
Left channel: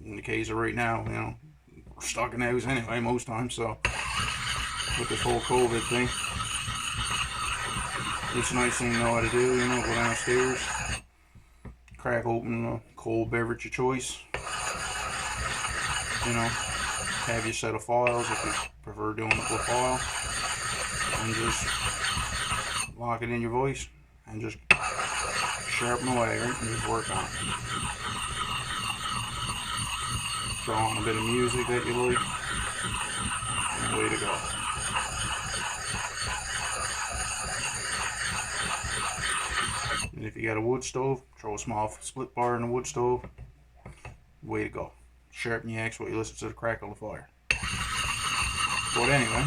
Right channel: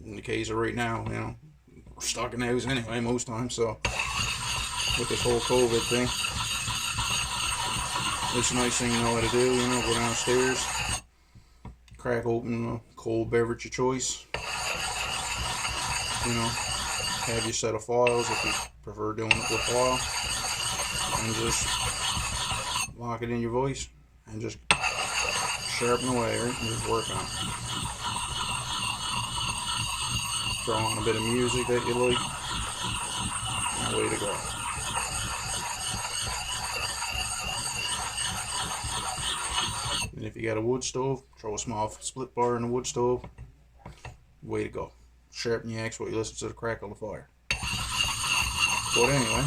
in the case of right now, we're stuck in the house anyway most times, so with this whole COVID thing, it's a nice thing to know how to do, go downstairs, crack open a cold beverage of choice, have your set of files if you prefer doing it with file, and just lock it in your voice and just sharpen away, right, and just work on it. Throw on a bit of music that you like, and away to go. And if you got a wood stove, throw a small split bar in the wood stove, way to go. Sharpen your axe while you listen to the crackle of the fire. But anyway,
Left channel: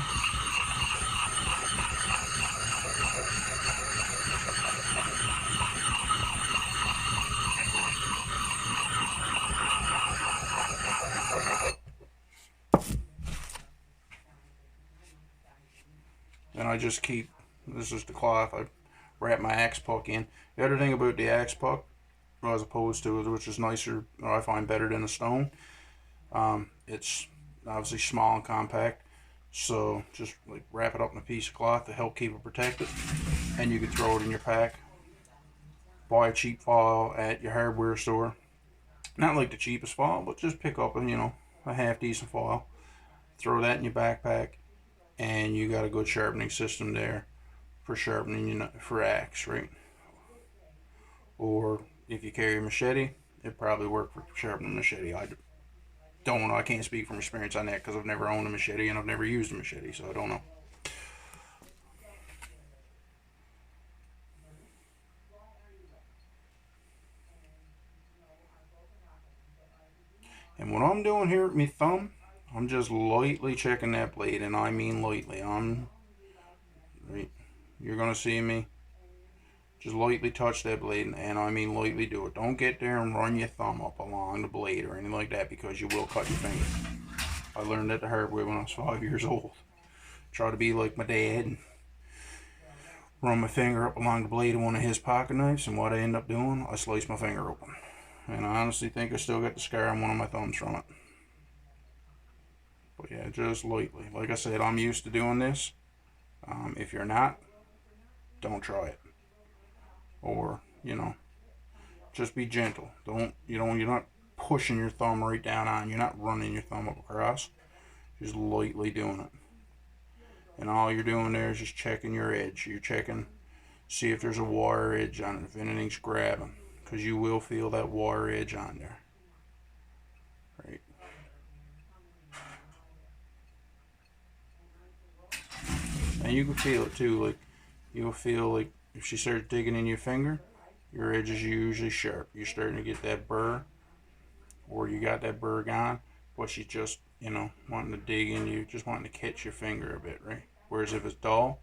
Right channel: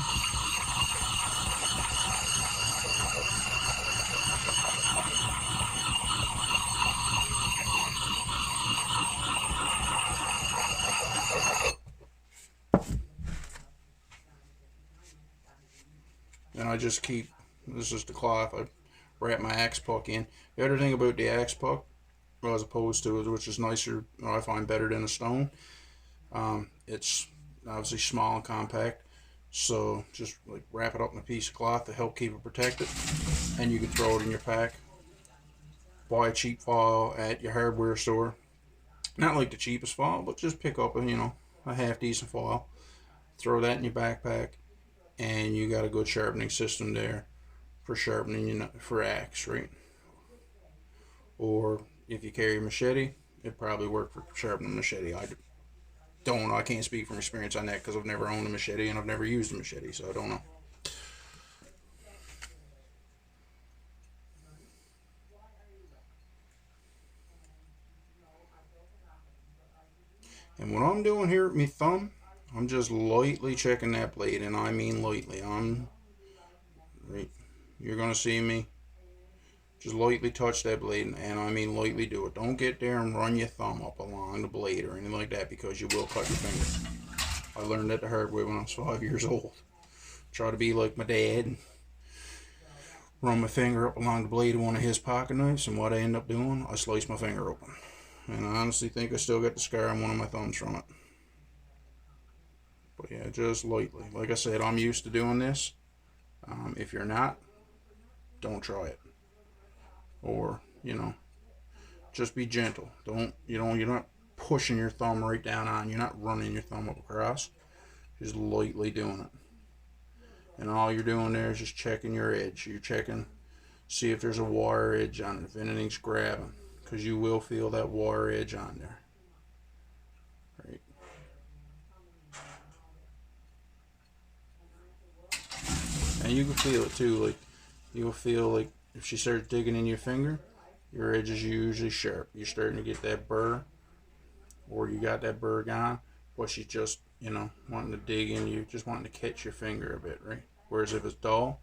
and I just keep, this is the cloth, I wrap my axe puck in. The other thing about the axe puck, as opposed to it, which is nicer, or I find better than a stone, it's obviously small and compact, so just like wrap it up in a piece of cloth to help keep it protected, and you can throw it in your pack. Buy a cheap file at your hardware store, not like the cheapest file, but just pick up a half decent file, throw that in your backpack, and you got a good sharpening system there for sharpening for axe, right? Or if you carry a machete, it probably work for sharpening a machete. I don't know. I can't speak from experience on that because I've never owned a machete and I've never used a machete, so I don't know. And what I'm doing here with my thumb, I'm just lightly checking that blade, and I mean lightly. You're gonna see me just lightly touch that blade, and I mean lightly do it. Don't get there and run your thumb up along the blade or anything like that, because you will cut your finger. I learned that the hard way when I was 5 years old. Try to be like my dad and run my finger up along the blade of one of his pocket knives, and what I end up doing, I slice my finger open. And I honestly think I still got the scar on one of my thumbs from it. But yeah, just lightly. Like I said, I'm used to doing this. If you're not, don't try it. Or, just be gentle. You're not pushing your thumb right down on. You're not running your thumb up across. Just lightly doing it. And all you're doing there is just checking your edge. You're checking, see if there's a wire edge on it, if anything's grabbing. Because you will feel that wire edge on there. Right. And you can feel it too. Like, you'll feel like if she starts digging in your finger, your edge is usually sharp. You're starting to get that burr, or you got that burr gone, but she's just, wanting to dig in you, just wanting to catch your finger a bit, right? Whereas if it's dull,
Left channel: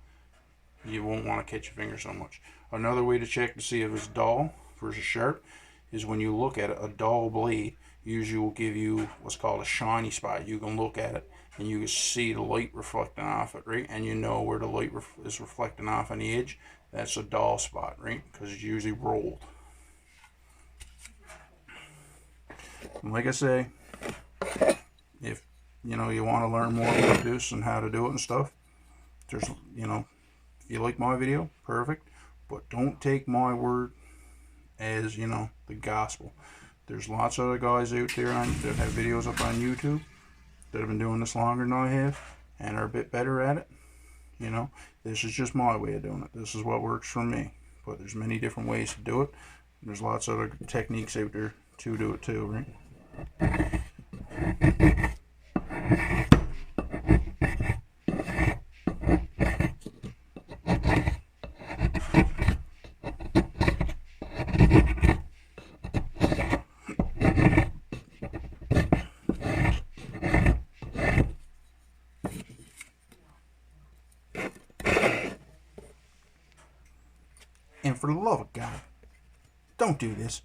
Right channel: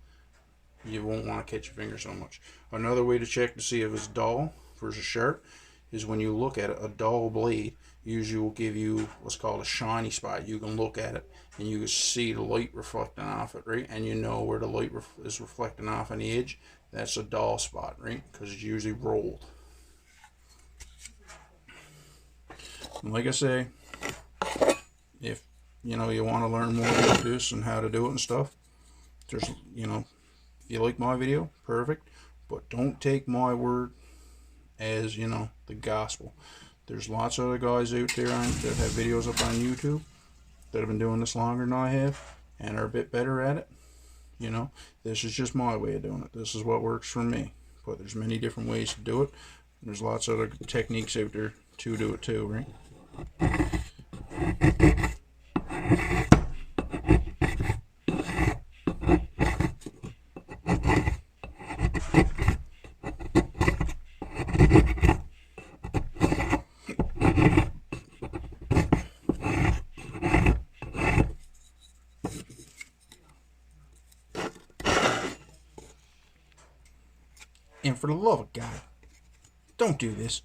you won't want to catch your finger so much. Another way to check to see if it's dull versus sharp is when you look at it. A dull blade usually will give you what's called a shiny spot. You can look at it and you can see the light reflecting off it, right? And you know where the light is reflecting off on the edge. That's a dull spot, right? Because it's usually rolled. And like I say, if you want to learn more about this and how to do it and stuff, there's if you like my video, perfect, but don't take my word as the gospel. There's lots of other guys out there that have videos up on YouTube that have been doing this longer than I have and are a bit better at it. You know, this is just my way of doing it. This is what works for me. But there's many different ways to do it. There's lots of other techniques out there to do it too, right? And for the love of God, don't do this.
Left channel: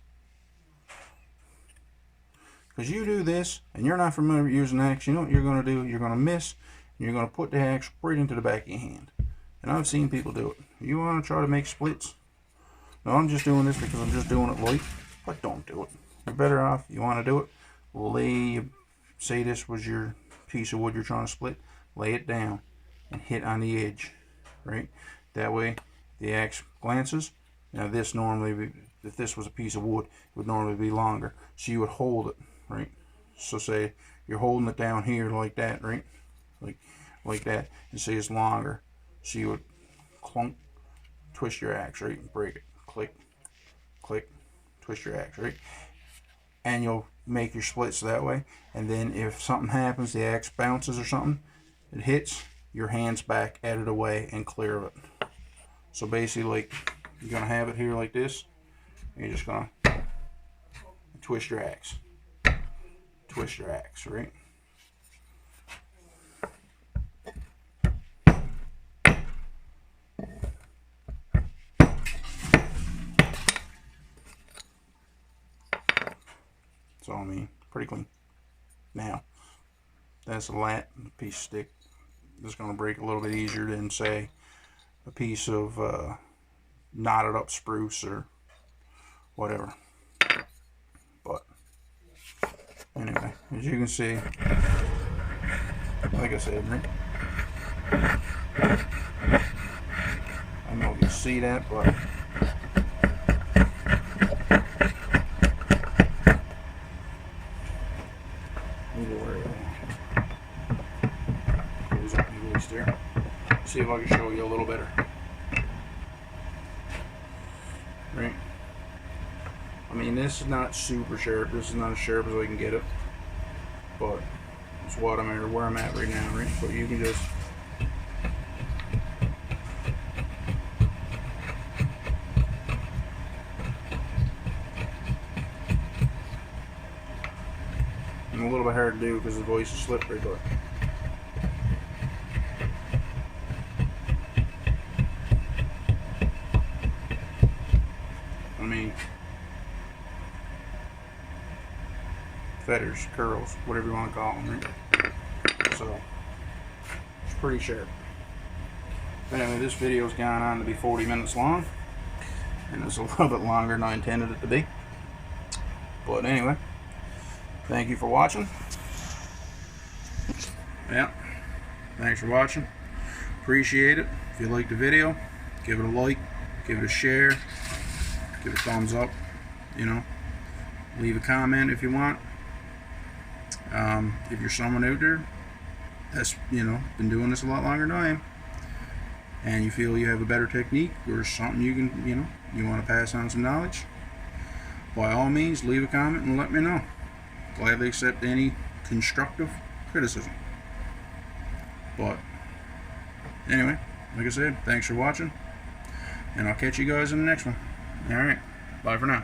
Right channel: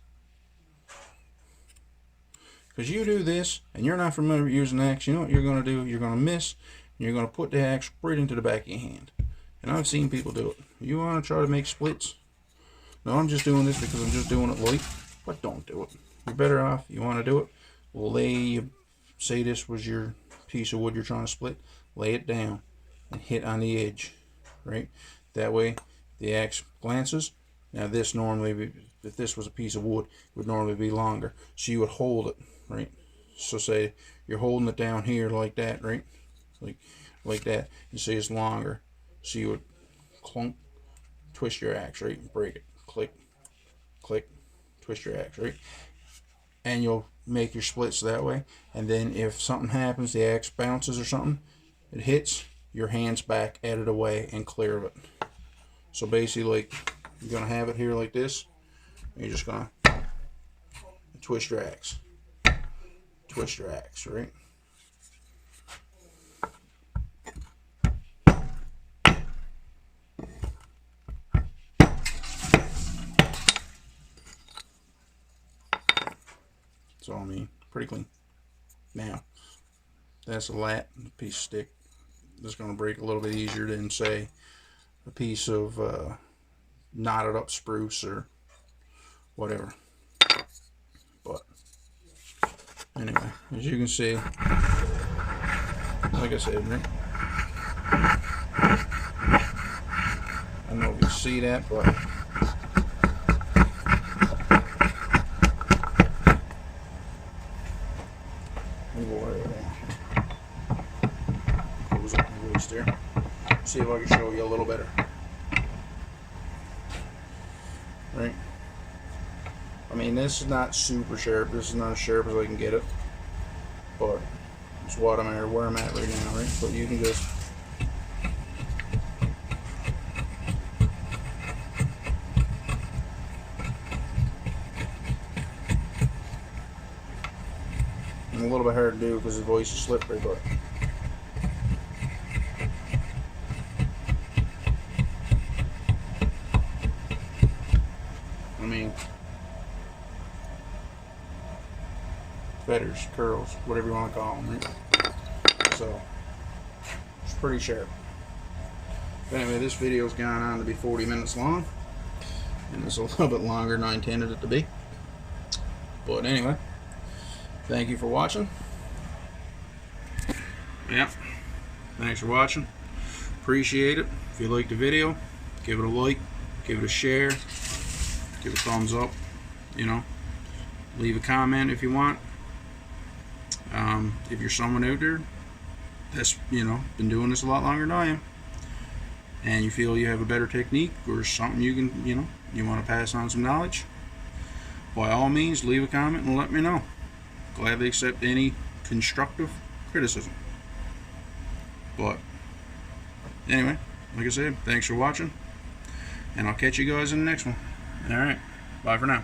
Because you do this, and you're not familiar with using an axe, you know what you're going to do? You're going to miss, and you're going to put the axe right into the back of your hand. And I've seen people do it. You want to try to make splits? No, I'm just doing this because I'm just doing it light. But don't do it. You're better off, you want to do it, say this was your piece of wood you're trying to split, lay it down and hit on the edge, right? That way, the axe glances. Now this normally, if this was a piece of wood, it would normally be longer. So you would hold it, right? So say you're holding it down here like that, right? Like that, and say it's longer. So you would clunk, twist your axe, right? And break it. Click, click, twist your axe, right? And you'll make your splits that way. And then if something happens, the axe bounces or something, it hits, your hand's back out of the way and clear of it. So basically, like, you're going to have it here like this. And you're just going to twist your axe. Twist your axe, right? So, I mean, pretty clean. Now, that's a lat, a piece of stick. That's going to break a little bit easier than, say, a piece of knotted up spruce or whatever. But anyway, as you can see, like I said, right? I don't know if you see that, but close up the voice there. See if I can show you a little better. Right? I mean, this is not super sharp. This is not as sharp as I can get it, but it's what I'm at, where I'm at right now, right? But you can just and a little bit hard to do because the voice is slippery, but I mean, feathers, curls, whatever you want to call them, right? So it's pretty sharp. But anyway, this video's gone on to be 40 minutes long, and it's a little bit longer than I intended it to be. But anyway, thank you for watching. Yeah, thanks for watching. Appreciate it. If you liked the video, give it a like, give it a share, give it a thumbs up, you know, leave a comment if you want. If you're someone out there that's, you know, been doing this a lot longer than I am, and you feel you have a better technique or something you can, you know, you want to pass on some knowledge, by all means leave a comment and let me know. Gladly accept any constructive criticism. But anyway, like I said, thanks for watching, and I'll catch you guys in the next one. Alright, bye for now.